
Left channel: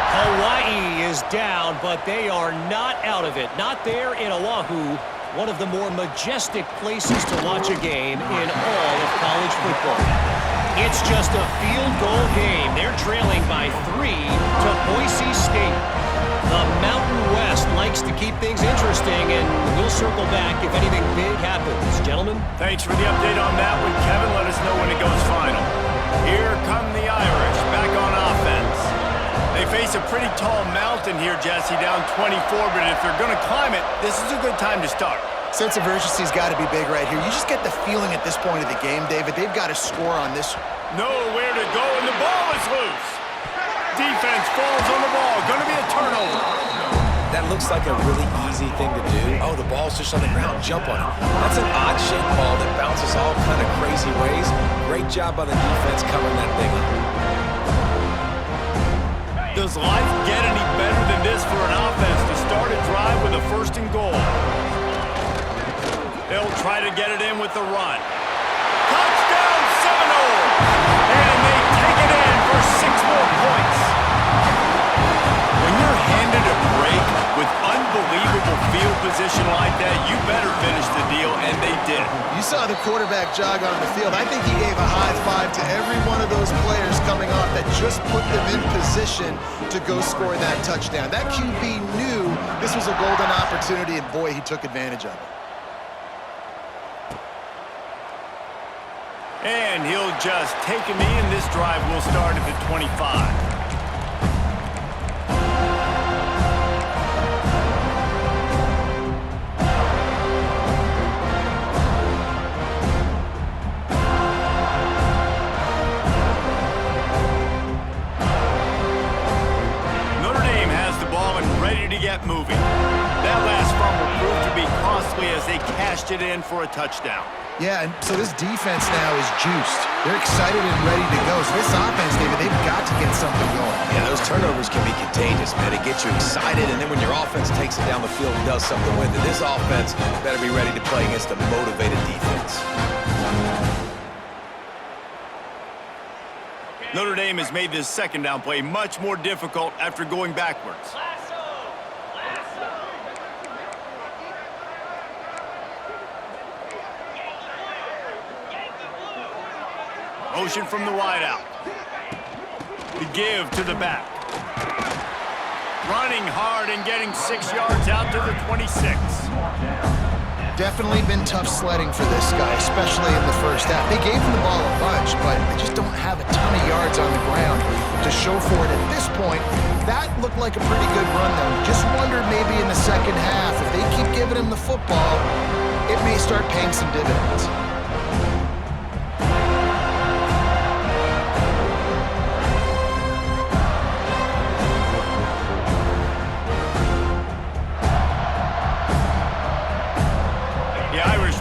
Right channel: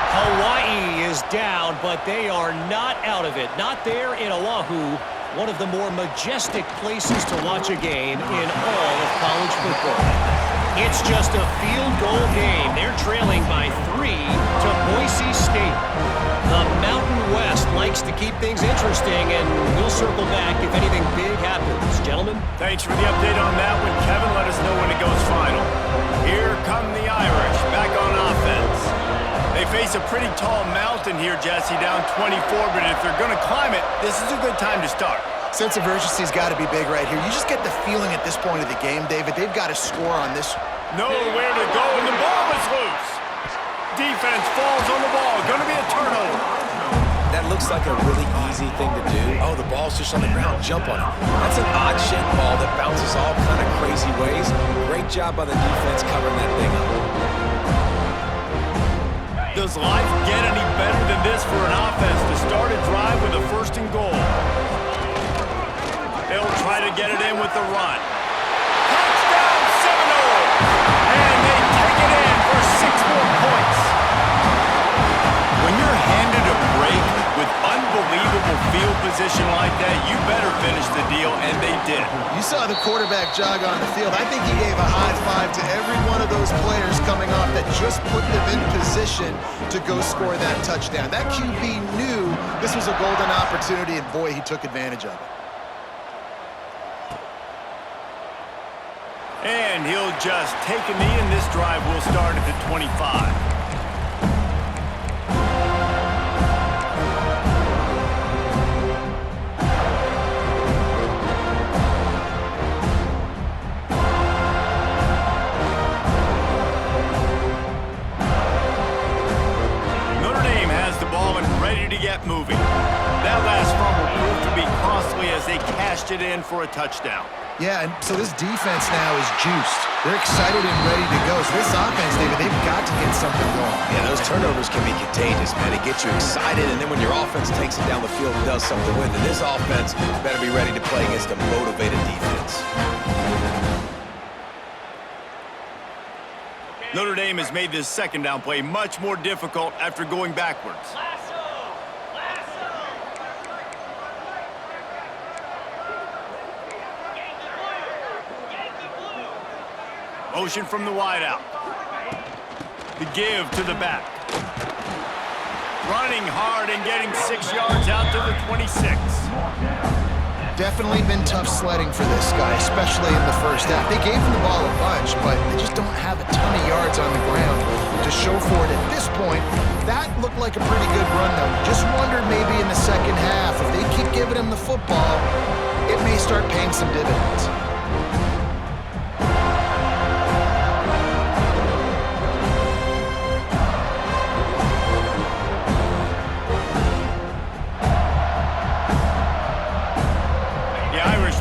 Hawaii is down, but they are not out of it. Not there in Oahu, one of the more majestic places to watch a game in all of college football. It's just a field goal game. They're trailing by 3 to Boise State. The Mountain West likes to keep things interesting, and we'll circle back if anything big happens. Gentlemen? Thanks for the update on that one, Kevin. Let us know when it goes final. Here come the Irish, back on offense. They face a pretty tall mountain here, Jesse, down 24, but if they're going to climb it, this is a good time to start. Sense of urgency's got to be big right here. You just get the feeling at this point of the game, David, they've got to score on this. Nowhere to go, and the ball is loose. Defense falls on the ball. Going to be a turnover. That looks like a really easy thing to do. Oh, the ball's just on the ground. Jump on it. That's an odd-shaped ball that bounces all kind of crazy ways. Great job by the defense covering that thing up. Does life get any better than this for an offense to start a drive with a 1st and goal? They'll try to get it in with the run. Touchdown Seminoles! And they take it in for 6 more points. When you're handed a break with unbelievable field position like that, you better finish the deal, and they did. You saw the quarterback jog on the field. I think he gave a high five to every one of those players coming off that just put them in position to go score that touchdown. That QB knew this was a golden opportunity, and boy, he took advantage of it. And he'll just take a knee, and this drive will start at the 25. Notre Dame has the ball and ready to get moving. That last fumble proved to be costly as they cashed it in for a touchdown. Yeah, and so this defense now is juiced. They're excited and ready to go. So this offense, David, they've got to get something going. Yeah, those turnovers can be contagious, man. It gets you excited, and then when your offense takes it down the field and does something with it, this offense better be ready to play against a motivated defense. Notre Dame has made this 2nd down play much more difficult after going backwards. Motion from the wideout. The give to the back. Running hard and getting 6 yards out to the 26. Definitely been tough sledding for this guy, especially in the first half. They gave him the ball a bunch, but they just don't have a ton of yards on the ground to show for it at this point. That looked like a pretty good run, though. Just wondered maybe in the second half, if they keep giving him the football, it may start paying some dividends.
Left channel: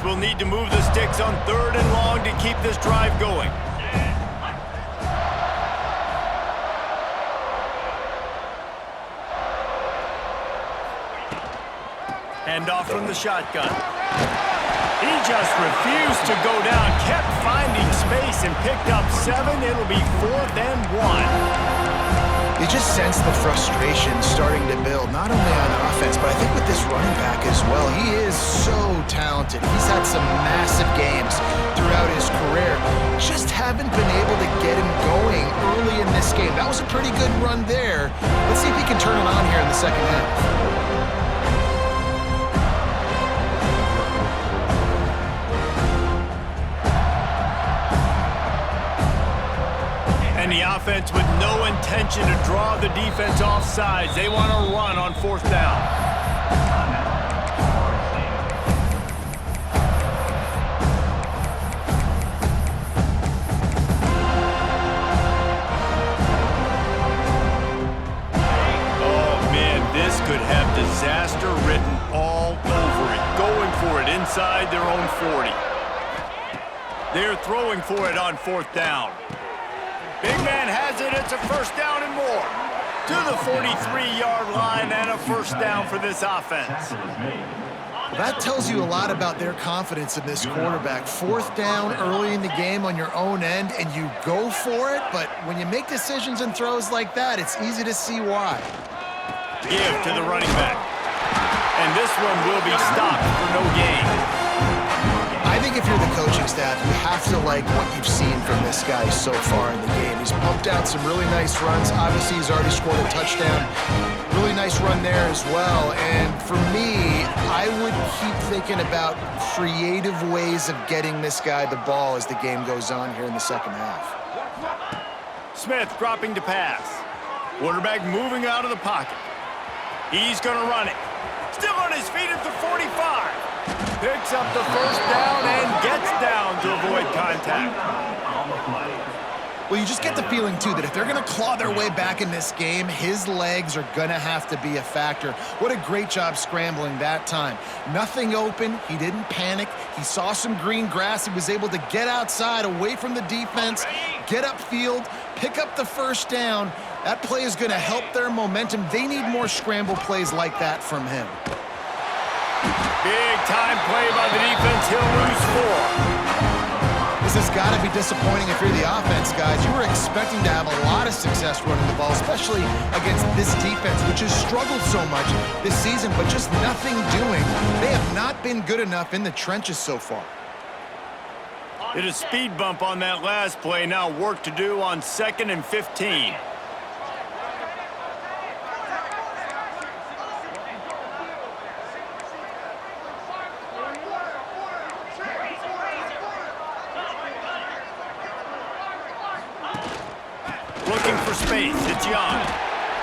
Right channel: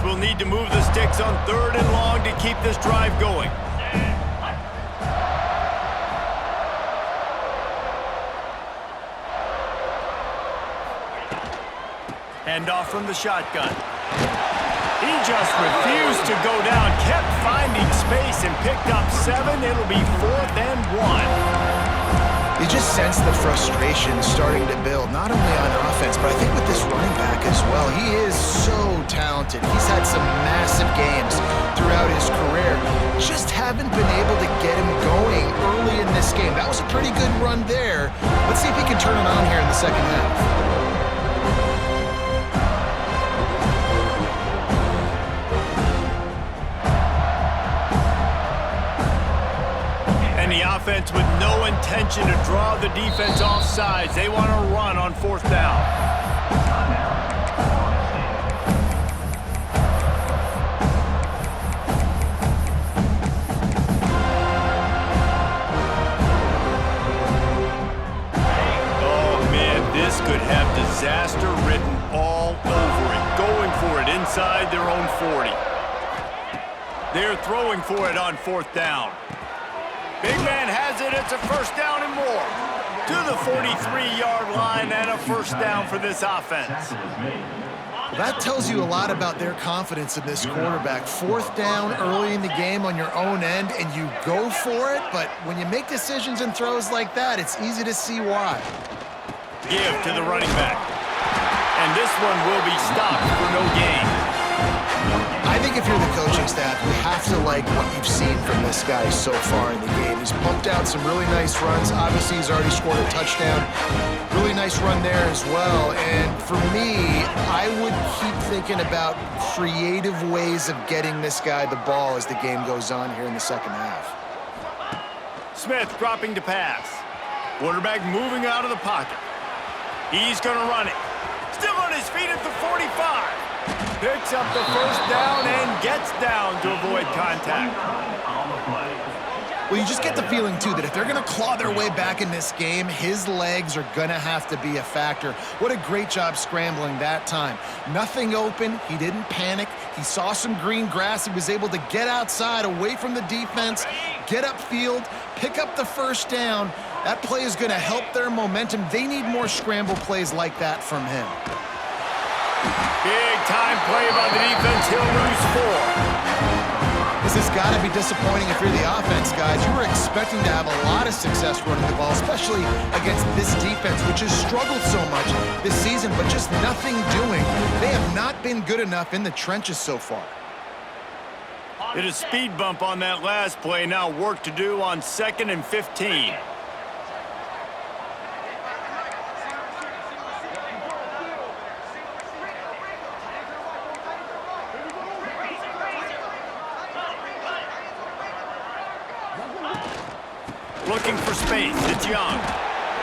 Will need to move the sticks on 3rd and long to keep this drive going. Handoff from the shotgun. He just refused to go down, kept finding space and picked up 7. It'll be 4th and 1. You just sense the frustration starting to build, not only on offense, but I think with this running back as well. He is so talented. He's had some massive games throughout his career. Just haven't been able to get him going early in this game. That was a pretty good run there. Let's see if he can turn it on here in the second half. And the offense with no intention to draw the defense off sides. They want to run on 4th down. going for it inside their own 40. They're throwing for it on 4th down. Big man has it. It's a 1st down and more. To the 43-yard line and a 1st down for this offense. That tells you a lot about their confidence in this quarterback. 4th down early in the game on your own end, and you go for it, but when you make decisions and throws like that, it's easy to see why. Give to the running back. And this one will be stopped for no gain. I think if you're the coaching staff, you have to like what you've seen from this guy so far in the game. He's pumped out some really nice runs. Obviously, he's already scored a touchdown. Really nice run there as well. And for me, I would keep thinking about creative ways of getting this guy the ball as the game goes on here in the second half. Smith dropping to pass. Quarterback moving out of the pocket. He's going to run it. Still on his feet at the 45. Picks up the 1st down and gets down to avoid contact. Well, you just get the feeling, too, that if they're going to claw their way back in this game, his legs are going to have to be a factor. What a great job scrambling that time. Nothing open. He didn't panic. He saw some green grass. He was able to get outside, away from the defense, get upfield, pick up the 1st down. That play is going to help their momentum. They need more scramble plays like that from him. Big time play by the defense. He'll lose 4. This has got to be disappointing if you're the offense, guys. You were expecting to have a lot of success running the ball, especially against this defense, which has struggled so much this season, but just nothing doing. They have not been good enough in the trenches so far. Hit a speed bump on that last play. Now work to do on 2nd and 15. Looking for space. It's Young.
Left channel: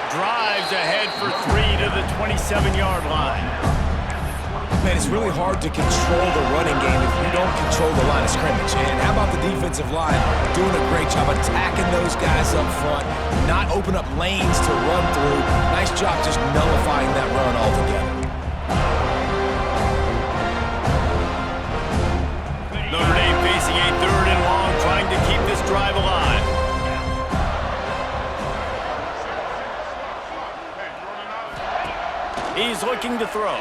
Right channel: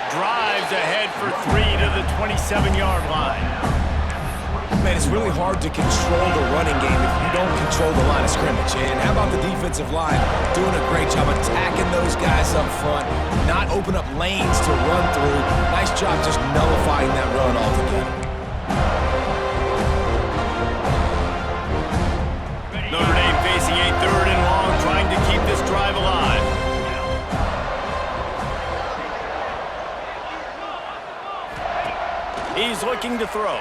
Drives ahead for 3 to the 27-yard line. Man, it's really hard to control the running game if you don't control the line of scrimmage. And how about the defensive line doing a great job attacking those guys up front, not open up lanes to run through. Nice job just nullifying that run altogether. Notre Dame facing a 3rd and long, trying to keep this drive alive. He's looking to throw.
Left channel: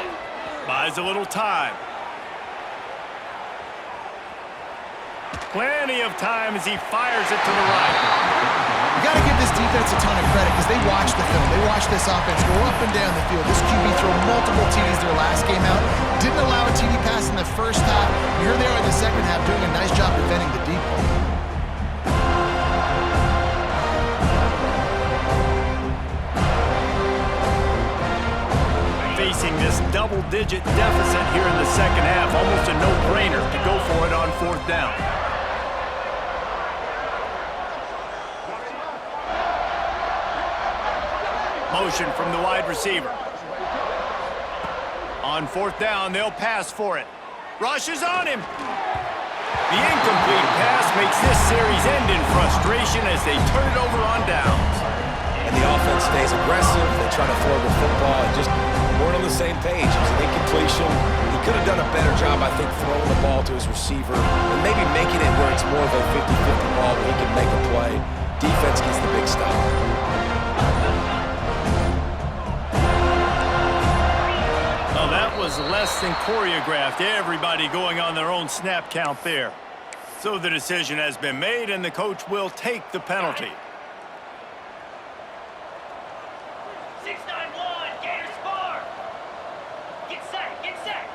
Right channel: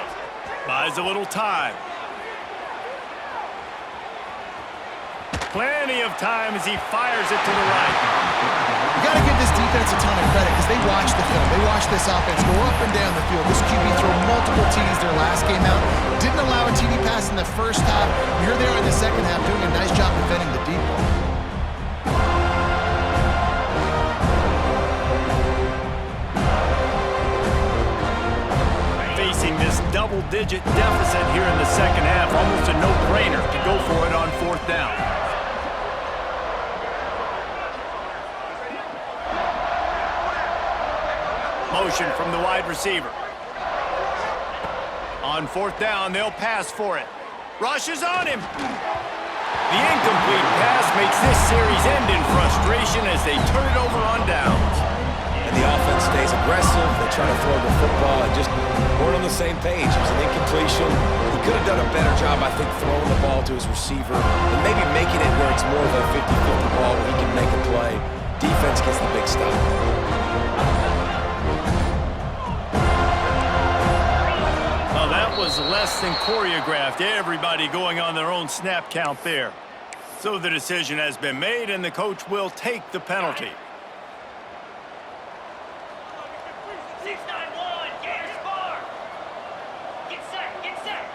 Buys a little time. Plenty of time as he fires it to the right. You got to give this defense a ton of credit because they watch the film. They watch this offense go up and down the field. This QB threw multiple TDs their last game out. Didn't allow a TD pass in the first half. Here they are in the second half doing a nice job defending the deep ball. Facing this double-digit deficit here in the second half, almost a no-brainer to go for it on 4th down. Motion from the wide receiver. On 4th down, they'll pass for it. Rushes on him. The incomplete pass makes this series end in frustration as they turn it over on downs. And the offense stays aggressive. They try to throw the football and just weren't on the same page. It was an incompletion. He could have done a better job, I think, throwing the ball to his receiver and maybe making it where it's more of a 50-50 ball where he can make a play. Defense gets the big stop. Well, that was less than choreographed. Everybody going on their own snap count there. So the decision has been made, and the coach will take the penalty. 691, Gator Spar. Get set, get set.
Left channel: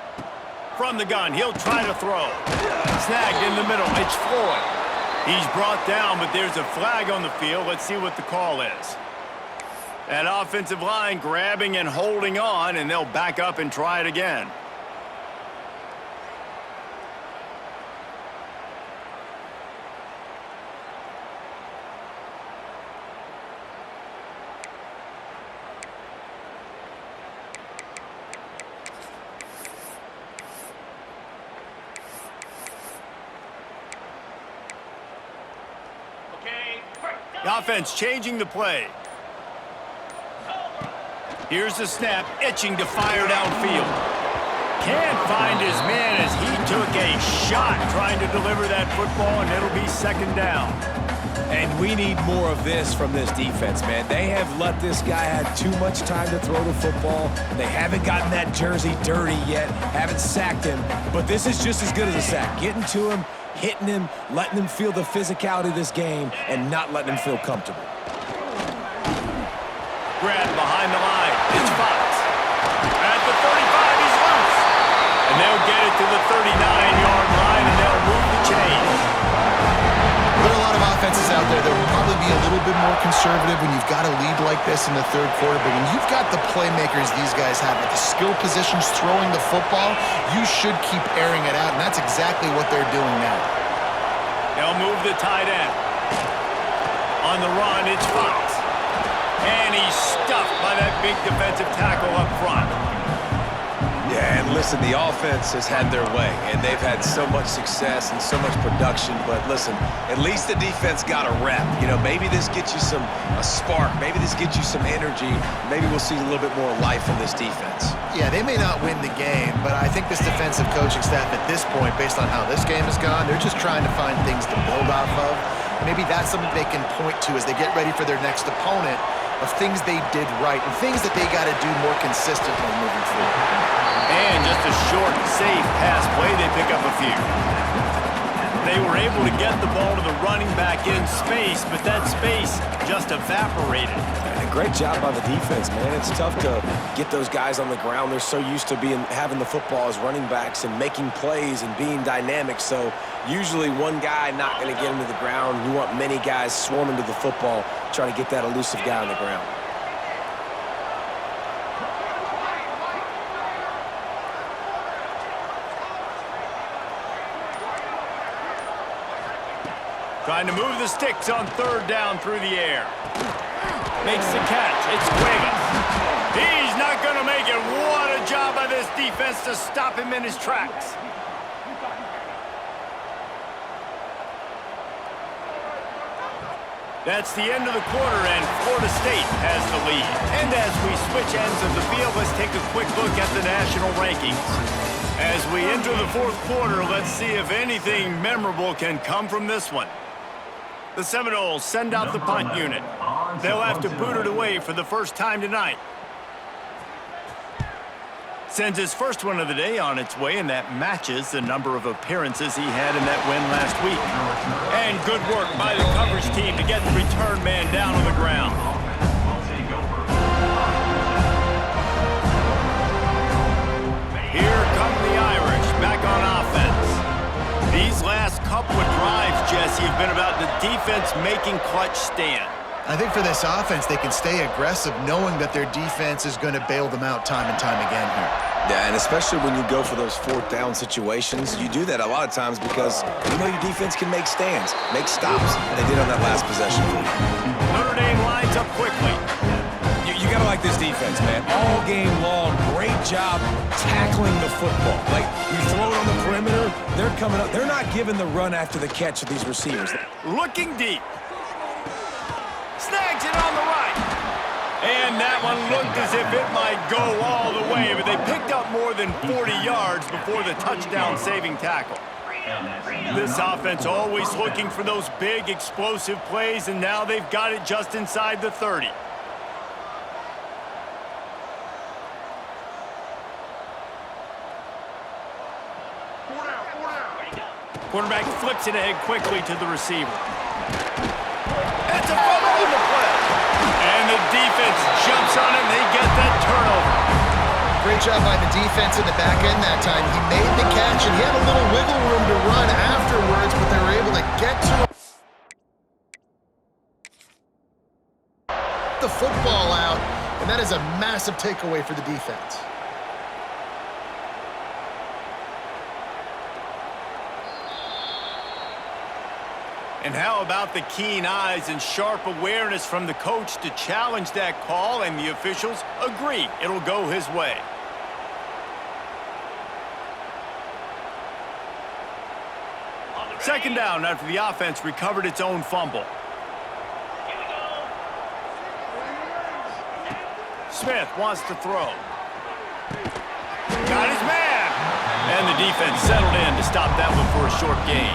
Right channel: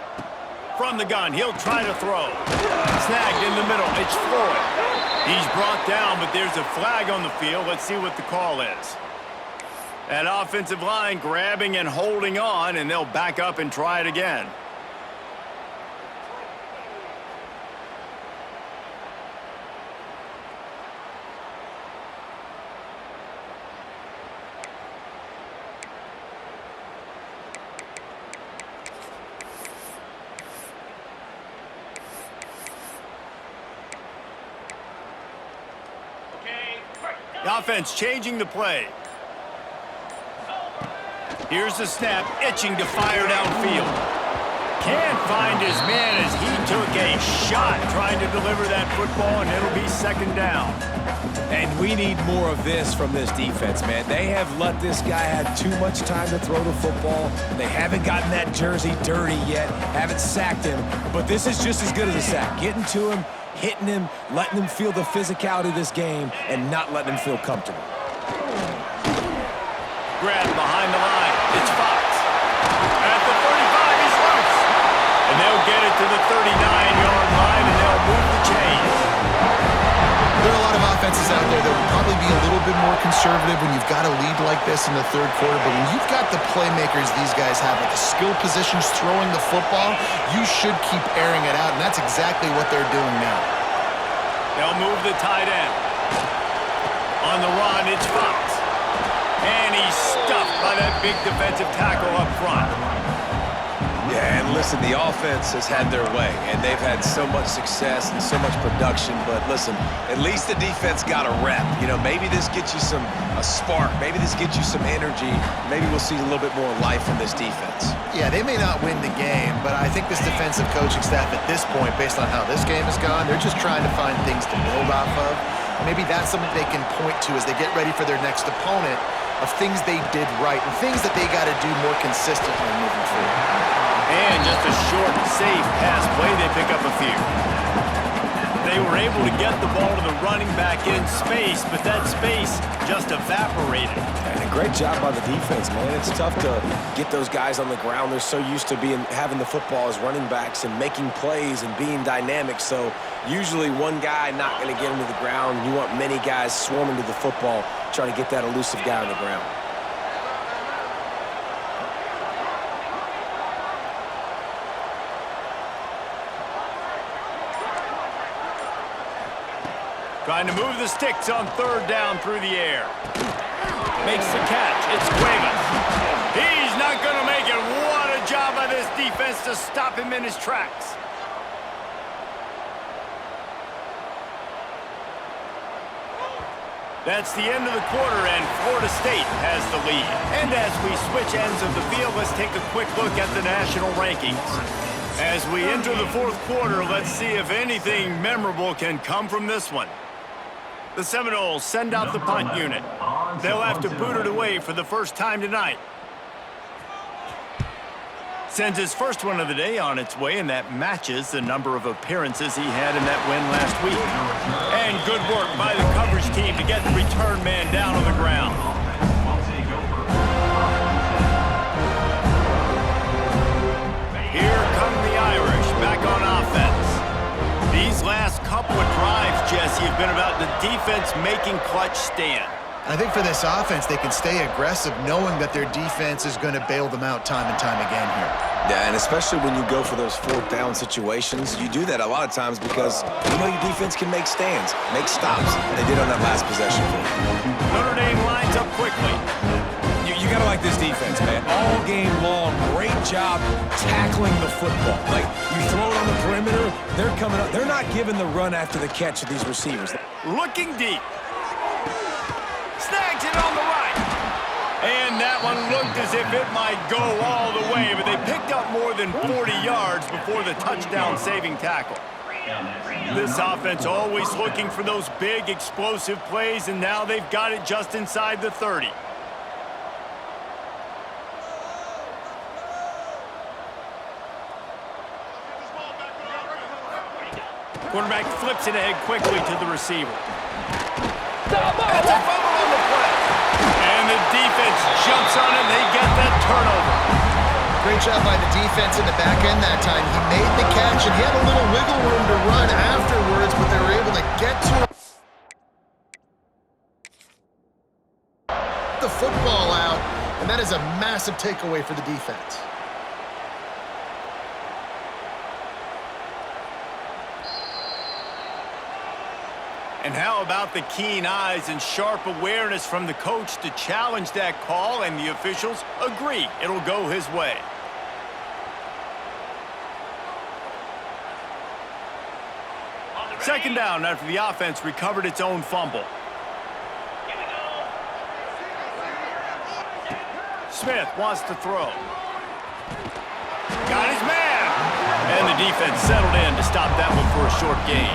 From the gun, he'll try to throw. Snagged in the middle. It's Floyd. He's brought down, but there's a flag on the field. Let's see what the call is. That offensive line grabbing and holding on, and they'll back up and try it again. The offense changing the play. Here's the snap, itching to fire downfield. Can't find his man as he took a shot trying to deliver that football, and it'll be second down. And we need more of this from this defense, man. They have let this guy have too much time to throw the football. They haven't gotten that jersey dirty yet, haven't sacked him. But this is just as good as a sack. Getting to him, hitting him, letting him feel the physicality of this game, and not letting him feel comfortable. Grab behind the line. It's Fox. At the 35, he's loose. And they'll get it to the 39-yard line, and they'll move the chains. There are a lot of offenses out there that will probably be a little bit more conservative when you've got a lead like this in the third quarter. But when you've got the playmakers these guys have at the skill positions throwing the football, you should keep airing it out, and that's exactly what they're doing now. They'll move the tight end. On the run, it's Fox. And he's stuffed by that big defensive tackle up front. Yeah, and listen, the offense has had their way, and they've had so much success and so much production. But listen, at least the defense got a rep. You know, maybe this gets you a spark. Maybe this gets you some energy. Maybe we'll see a little bit more life from this defense. Yeah, they may not win the game, but I think this defensive coaching staff at this point, based on how this game has gone, they're just trying to find things to build off of. Maybe that's something they can point to as they get ready for their next opponent, of things they did right and things that they got to do more consistently moving forward. And just a short, safe pass play, they pick up a few. They were able to get the ball to the running back in space, but that space just evaporated. And a great job by the defense, man. It's tough to get those guys on the ground. They're so used to having the football as running backs and making plays and being dynamic. So usually one guy not going to get him to the ground. You want many guys swarming to the football, trying to get that elusive guy on the ground. Trying to move the sticks on third down through the air. Makes the catch. It's Cuevas. He's not going to make it. What a job by this defense to stop him in his tracks. That's the end of the quarter, and Florida State has the lead. And as we switch ends of the field, let's take a quick look at the national rankings. As we enter the fourth quarter, let's see if anything memorable can come from this one. The Seminoles send out the punt unit. They'll have to boot it away for the first time tonight. Sends his first one of the day on its way, and that matches the number of appearances he had in that win last week. And good work by the coverage team to get the return man down on the ground. Here come the Irish back on offense. These last couple of drives, Jesse, have been about the defense making clutch stand. I think for this offense, they can stay aggressive knowing that their defense is going to bail them out time and time again here. Yeah, and especially when you go for those fourth down situations, you do that a lot of times because you know your defense can make stands, make stops. They did on that last possession for you. Notre Dame lines up quickly. You got to like this defense, man. All game long, great job tackling the football. Like, you throw it on the perimeter, they're coming up. They're not giving the run after the catch of these receivers. Looking deep. Snags it on the right. And that one looked as if it might go all the way, but they picked up more than 40 yards before the touchdown-saving tackle. This offense always looking for those big, explosive plays, and now they've got it just inside the 30. Quarterback flips it ahead quickly to the receiver. That's a fumble on the play. And the defense jumps on it, and they get that turnover. Great job by the defense in the back end that time. He made the catch, and he had a little wiggle room to run afterwards, but they were able to get to the football out, and that is a massive takeaway for the defense. And how about the keen eyes and sharp awareness from the coach to challenge that call, and the officials agree it'll go his way. Second down after the offense recovered its own fumble. Here we go. Smith wants to throw. Got his man. defense settled in to stop that one for a short gain.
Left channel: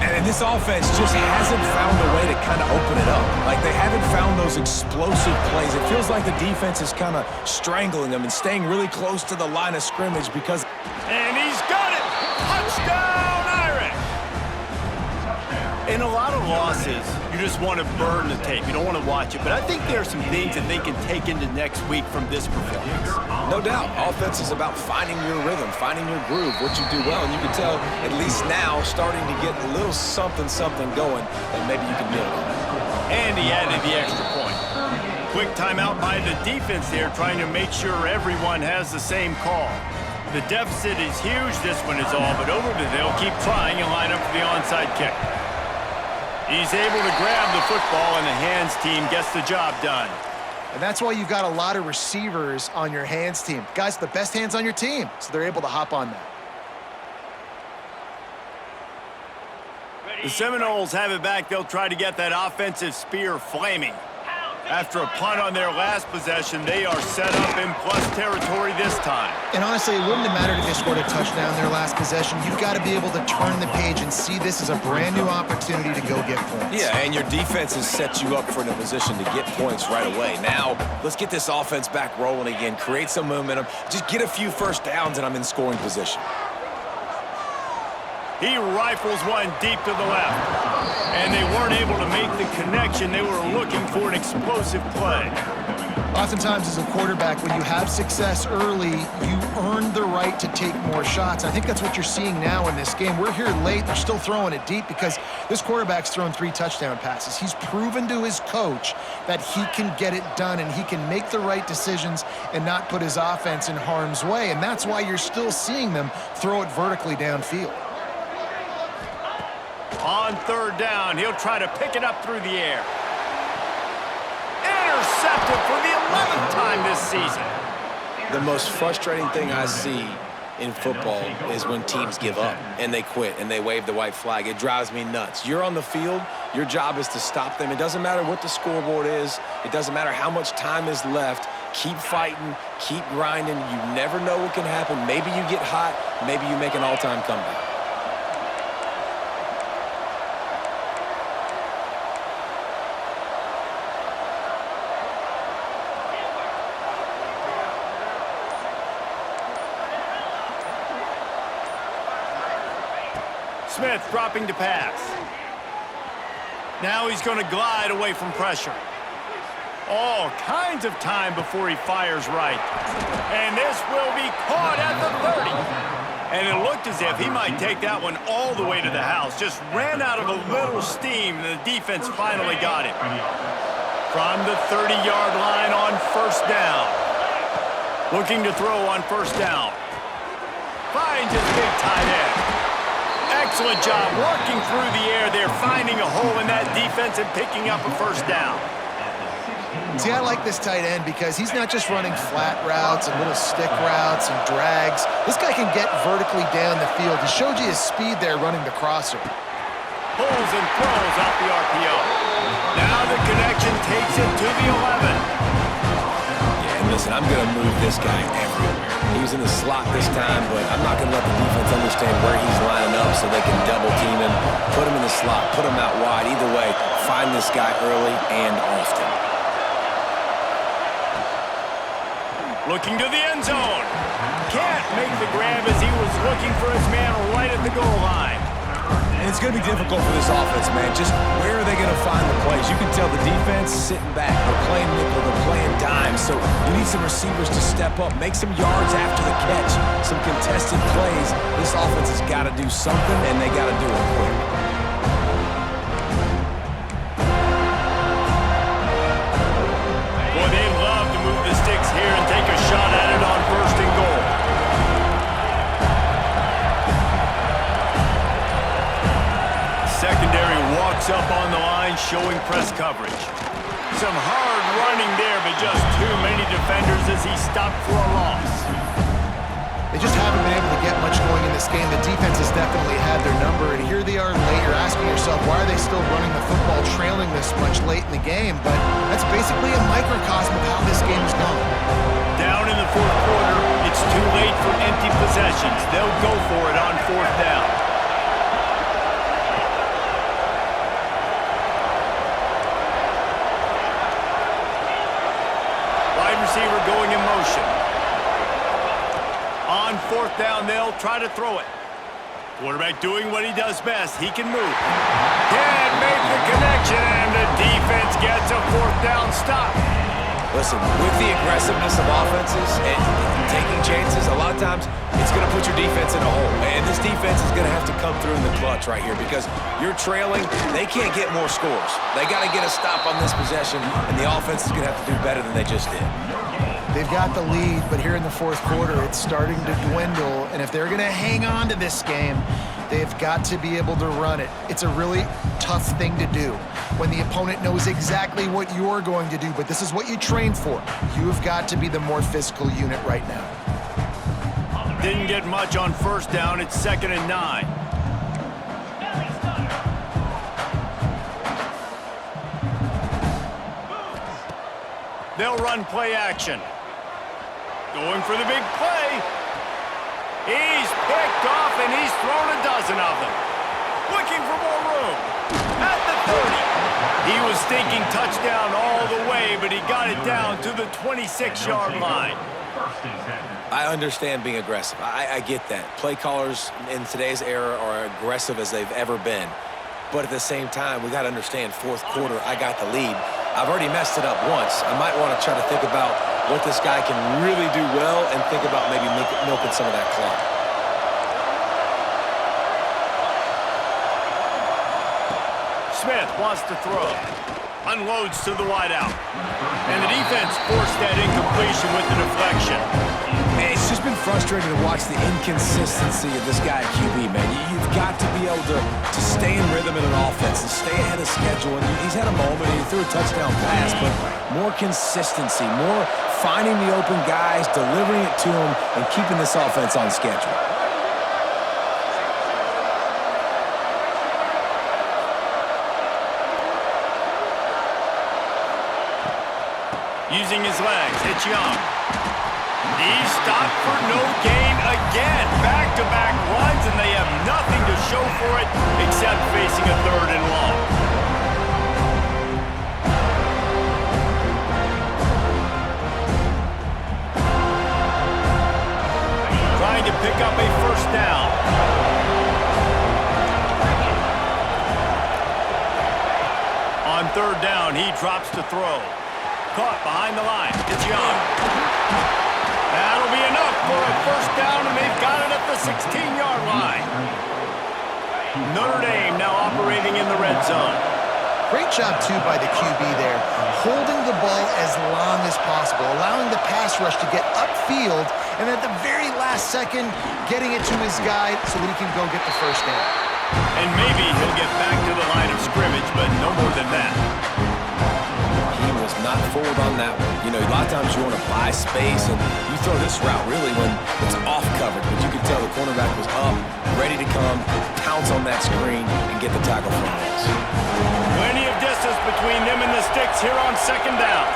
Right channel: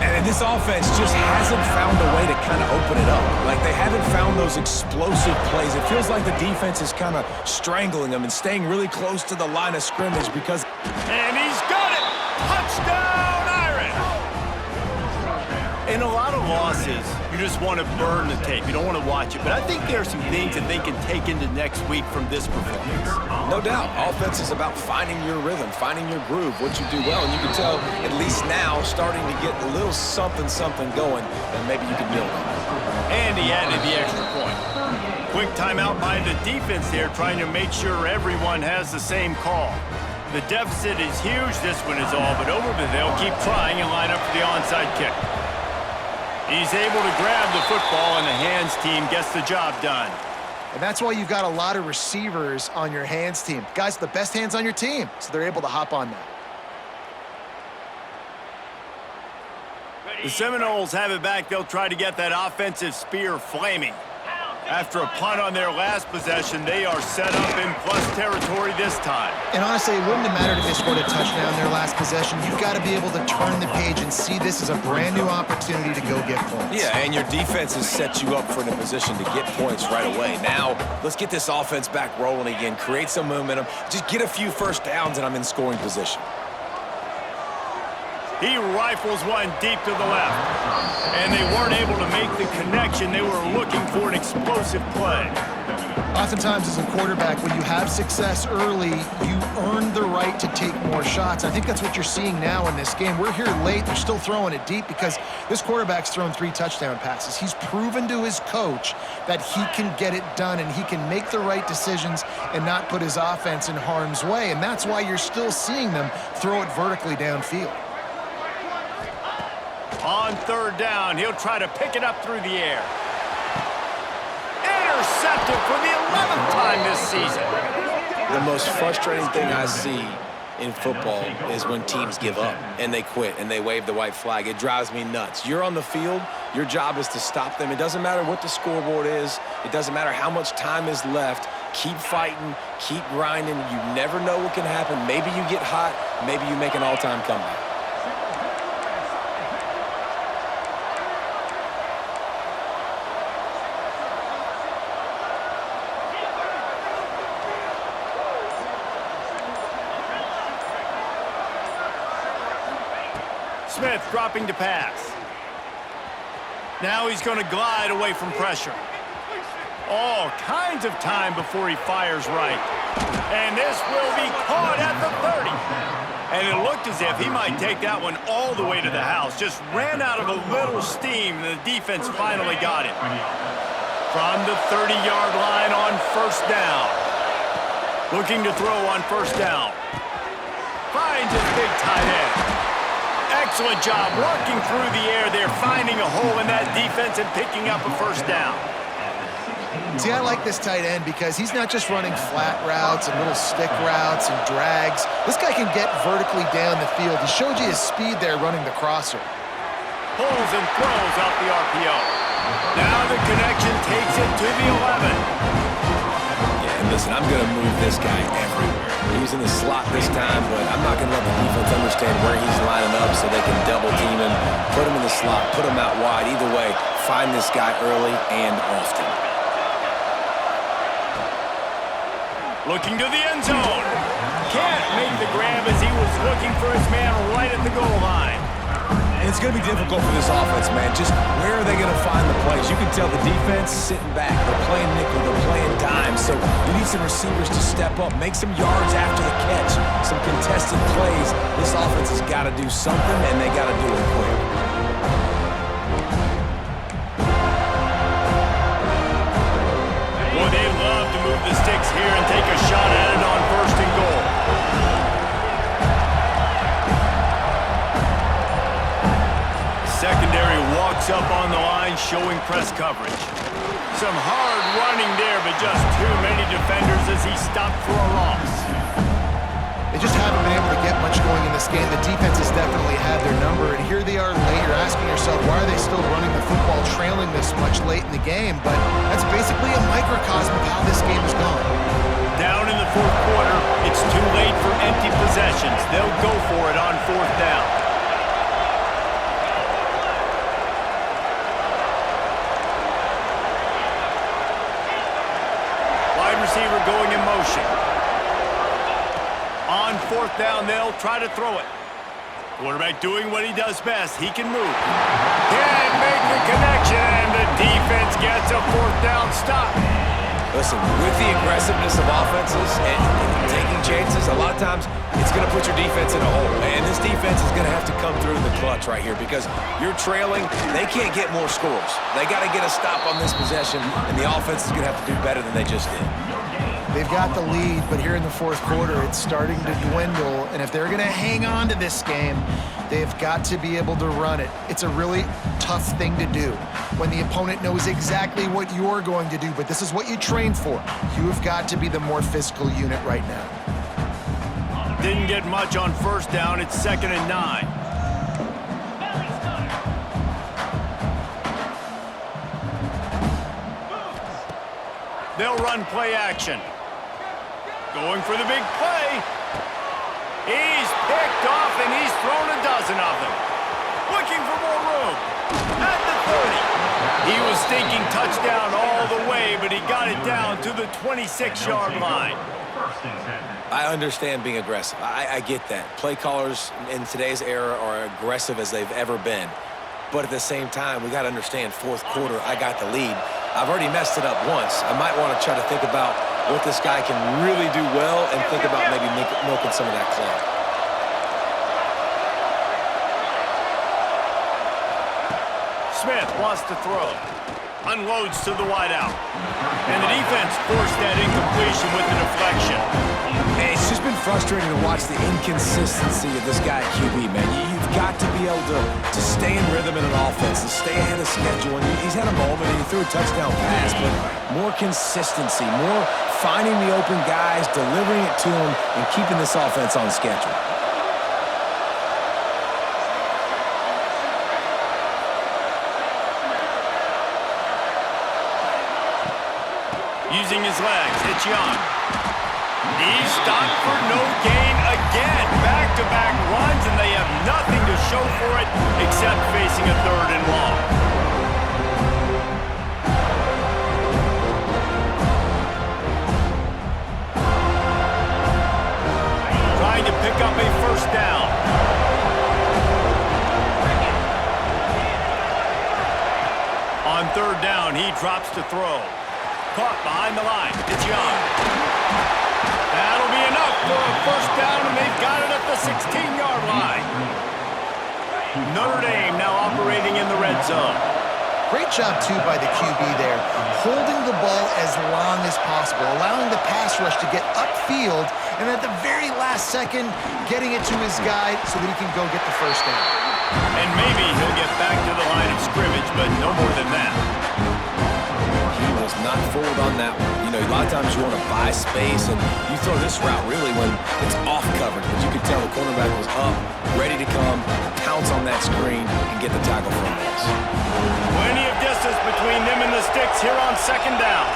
And this offense just hasn't found a way to kind of open it up. Like, they haven't found those explosive plays. It feels like the defense is kind of strangling them and staying really close to the line of scrimmage because... And he's got it! Touchdown, Irish! In a lot of losses, you just want to burn the tape. You don't want to watch it. But I think there are some things that they can take into next week from this performance. No doubt. Offense is about finding your rhythm, finding your groove, what you do well. And you can tell, at least now, starting to get a little something going that maybe you can build on. And he added the extra point. Quick timeout by the defense there, trying to make sure everyone has the same call. The deficit is huge, this one is all, but over, but they'll keep trying and line up for the onside kick. He's able to grab the football, and the hands team gets the job done. And that's why you've got a lot of receivers on your hands team. Guys, the best hands on your team, so they're able to hop on that. The Seminoles have it back. They'll try to get that offensive spear flaming. After a punt on their last possession, they are set up in plus territory this time. And honestly, it wouldn't have mattered if they scored a touchdown their last possession. You've got to be able to turn the page and see this as a brand new opportunity to go get points. Yeah, and your defense has set you up for in a position to get points right away. Now, let's get this offense back rolling again, create some momentum, just get a few first downs, and I'm in scoring position. He rifles one deep to the left. And they weren't able to make the connection. They were looking for an explosive play. Oftentimes, as a quarterback, when you have success early, you earn the right to take more shots. I think that's what you're seeing now in this game. We're here late. They're still throwing it deep because this quarterback's thrown 3 touchdown passes. He's proven to his coach that he can get it done and he can make the right decisions and not put his offense in harm's way. And that's why you're still seeing them throw it vertically downfield. On third down, he'll try to pick it up through the air. Intercepted for the 11th time this season. The most frustrating thing I see in football is when teams give up and they quit and they wave the white flag. It drives me nuts. You're on the field. Your job is to stop them. It doesn't matter what the scoreboard is. It doesn't matter how much time is left. Keep fighting. Keep grinding. You never know what can happen. Maybe you get hot. Maybe you make an all-time comeback. Smith dropping to pass. Now he's going to glide away from pressure. All kinds of time before he fires right. And this will be caught at the 30. And it looked as if he might take that one all the way to the house. Just ran out of a little steam, and the defense finally got it. From the 30-yard line on first down. Looking to throw on first down. Finds his big tight end. Excellent job working through the air there, finding a hole in that defense and picking up a first down. See, I like this tight end because he's not just running flat routes and little stick routes and drags. This guy can get vertically down the field. He showed you his speed there running the crosser. Pulls and throws off the RPO. Now the connection takes it to the 11. Yeah, and listen, I'm going to move this guy everywhere. He was in the slot this time, but I'm not going to let the defense understand where he's lining up so they can double team him, put him in the slot, put him out wide. Either way, find this guy early and often. Looking to the end zone. Can't make the grab as he was looking for his man right at the goal line. And it's going to be difficult for this offense, man. Just where are they going to find the plays? You can tell the defense sitting back. They're playing nickel. They're playing dime. So you need some receivers to step up, make some yards after the catch, some contested plays. This offense has got to do something, and they got to do it quick. Boy, they love to move the sticks here and take a shot at it on first and goal. Secondary walks up on the line, showing press coverage. Some hard running there, but just too many defenders as he stopped for a loss. They just haven't been able to get much going in this game. The defense has definitely had their number, and here they are late. You're asking yourself, why are they still running the football, trailing this much late in the game? But that's basically a microcosm of how this game has gone. down in the fourth quarter. It's too late for empty possessions. They'll go for it on fourth down. Wide receiver going in motion. On fourth down, they'll try to throw it. Quarterback doing what he does best. He can move. Can't make the connection, and the defense gets a fourth down stop. Listen, with the aggressiveness of offenses and taking chances, a lot of times it's going to put your defense in a hole. And this defense is going to have to come through in the clutch right here because you're trailing. They can't get more scores. They got to get a stop on this possession, and the offense is going to have to do better than they just did. They've got the lead, but here in the fourth quarter, it's starting to dwindle. And if they're going to hang on to this game, they've got to be able to run it. It's a really tough thing to do when the opponent knows exactly what you're going to do, but this is what you train for. You've got to be the more physical unit right now. Didn't get much on first down. It's 2nd and 9. They'll run play action. Going for the big play. He's picked off, and he's thrown a dozen of them. Looking for more room. At the 30. He was thinking touchdown all the way, but he got it down to the 26-yard line. I understand being aggressive. I get that. Play callers in today's era are aggressive as they've ever been. But at the same time, we got to understand fourth quarter, I got the lead. I've already messed it up once. I might want to try to think about what this guy can really do well and think about maybe milking some of that clock. Smith wants to throw. Unloads to the wideout. And the defense forced that incompletion with the deflection. Hey, it's just been frustrating to watch the inconsistency of this guy at QB, man. You've got to be able to stay in rhythm in an offense and stay ahead of schedule. And he's had a moment, he threw a touchdown pass, but more consistency, more finding the open guys, delivering it to them, and keeping this offense on schedule. Using his legs, it's Young. He's stopped for no gain again. Back-to-back runs, and they have nothing to show for it except facing a 3rd and long. Trying to pick up a first down. On 3rd down, he drops to throw. Caught behind the line. It's Young. That'll be enough for a first down, and they've got it at the 16-yard line. Notre Dame now operating in the red zone. Great job, too, by the QB there, holding the ball as long as possible, allowing the pass rush to get upfield, and at the very last second, getting it to his guy so that he can go get the first down. And maybe he'll get back to the line of scrimmage, but no more than that. He was not fooled on that one. You know, a lot of times you want to buy space, and you throw this route really when it's off coverage. But you could tell the cornerback was up, ready to come, pounce on that screen, and get the tackle from this. Plenty of distance between them and the sticks here on 2nd down.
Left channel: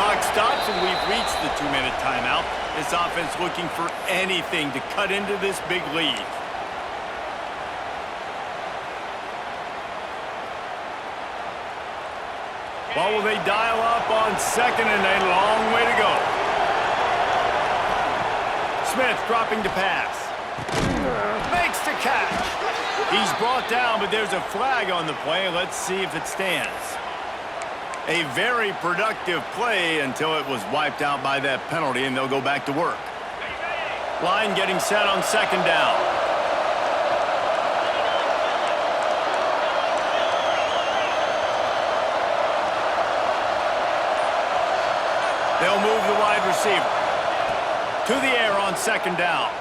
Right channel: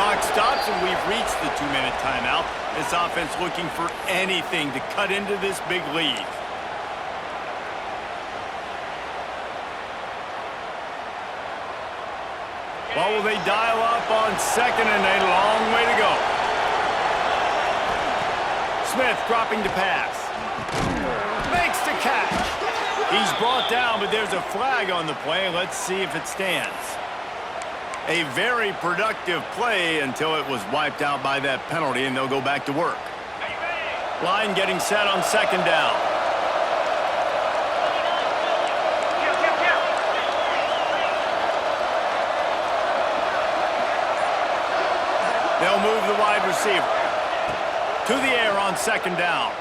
Clock stops, and we've reached the 2-minute timeout. This offense looking for anything to cut into this big lead. What will they dial up on 2nd and a long way to go? Smith dropping to pass. Makes the catch. He's brought down, but there's a flag on the play. Let's see if it stands. A very productive play until it was wiped out by that penalty, and they'll go back to work. Line getting set on 2nd down. They'll move the wide receiver to the air on 2nd down.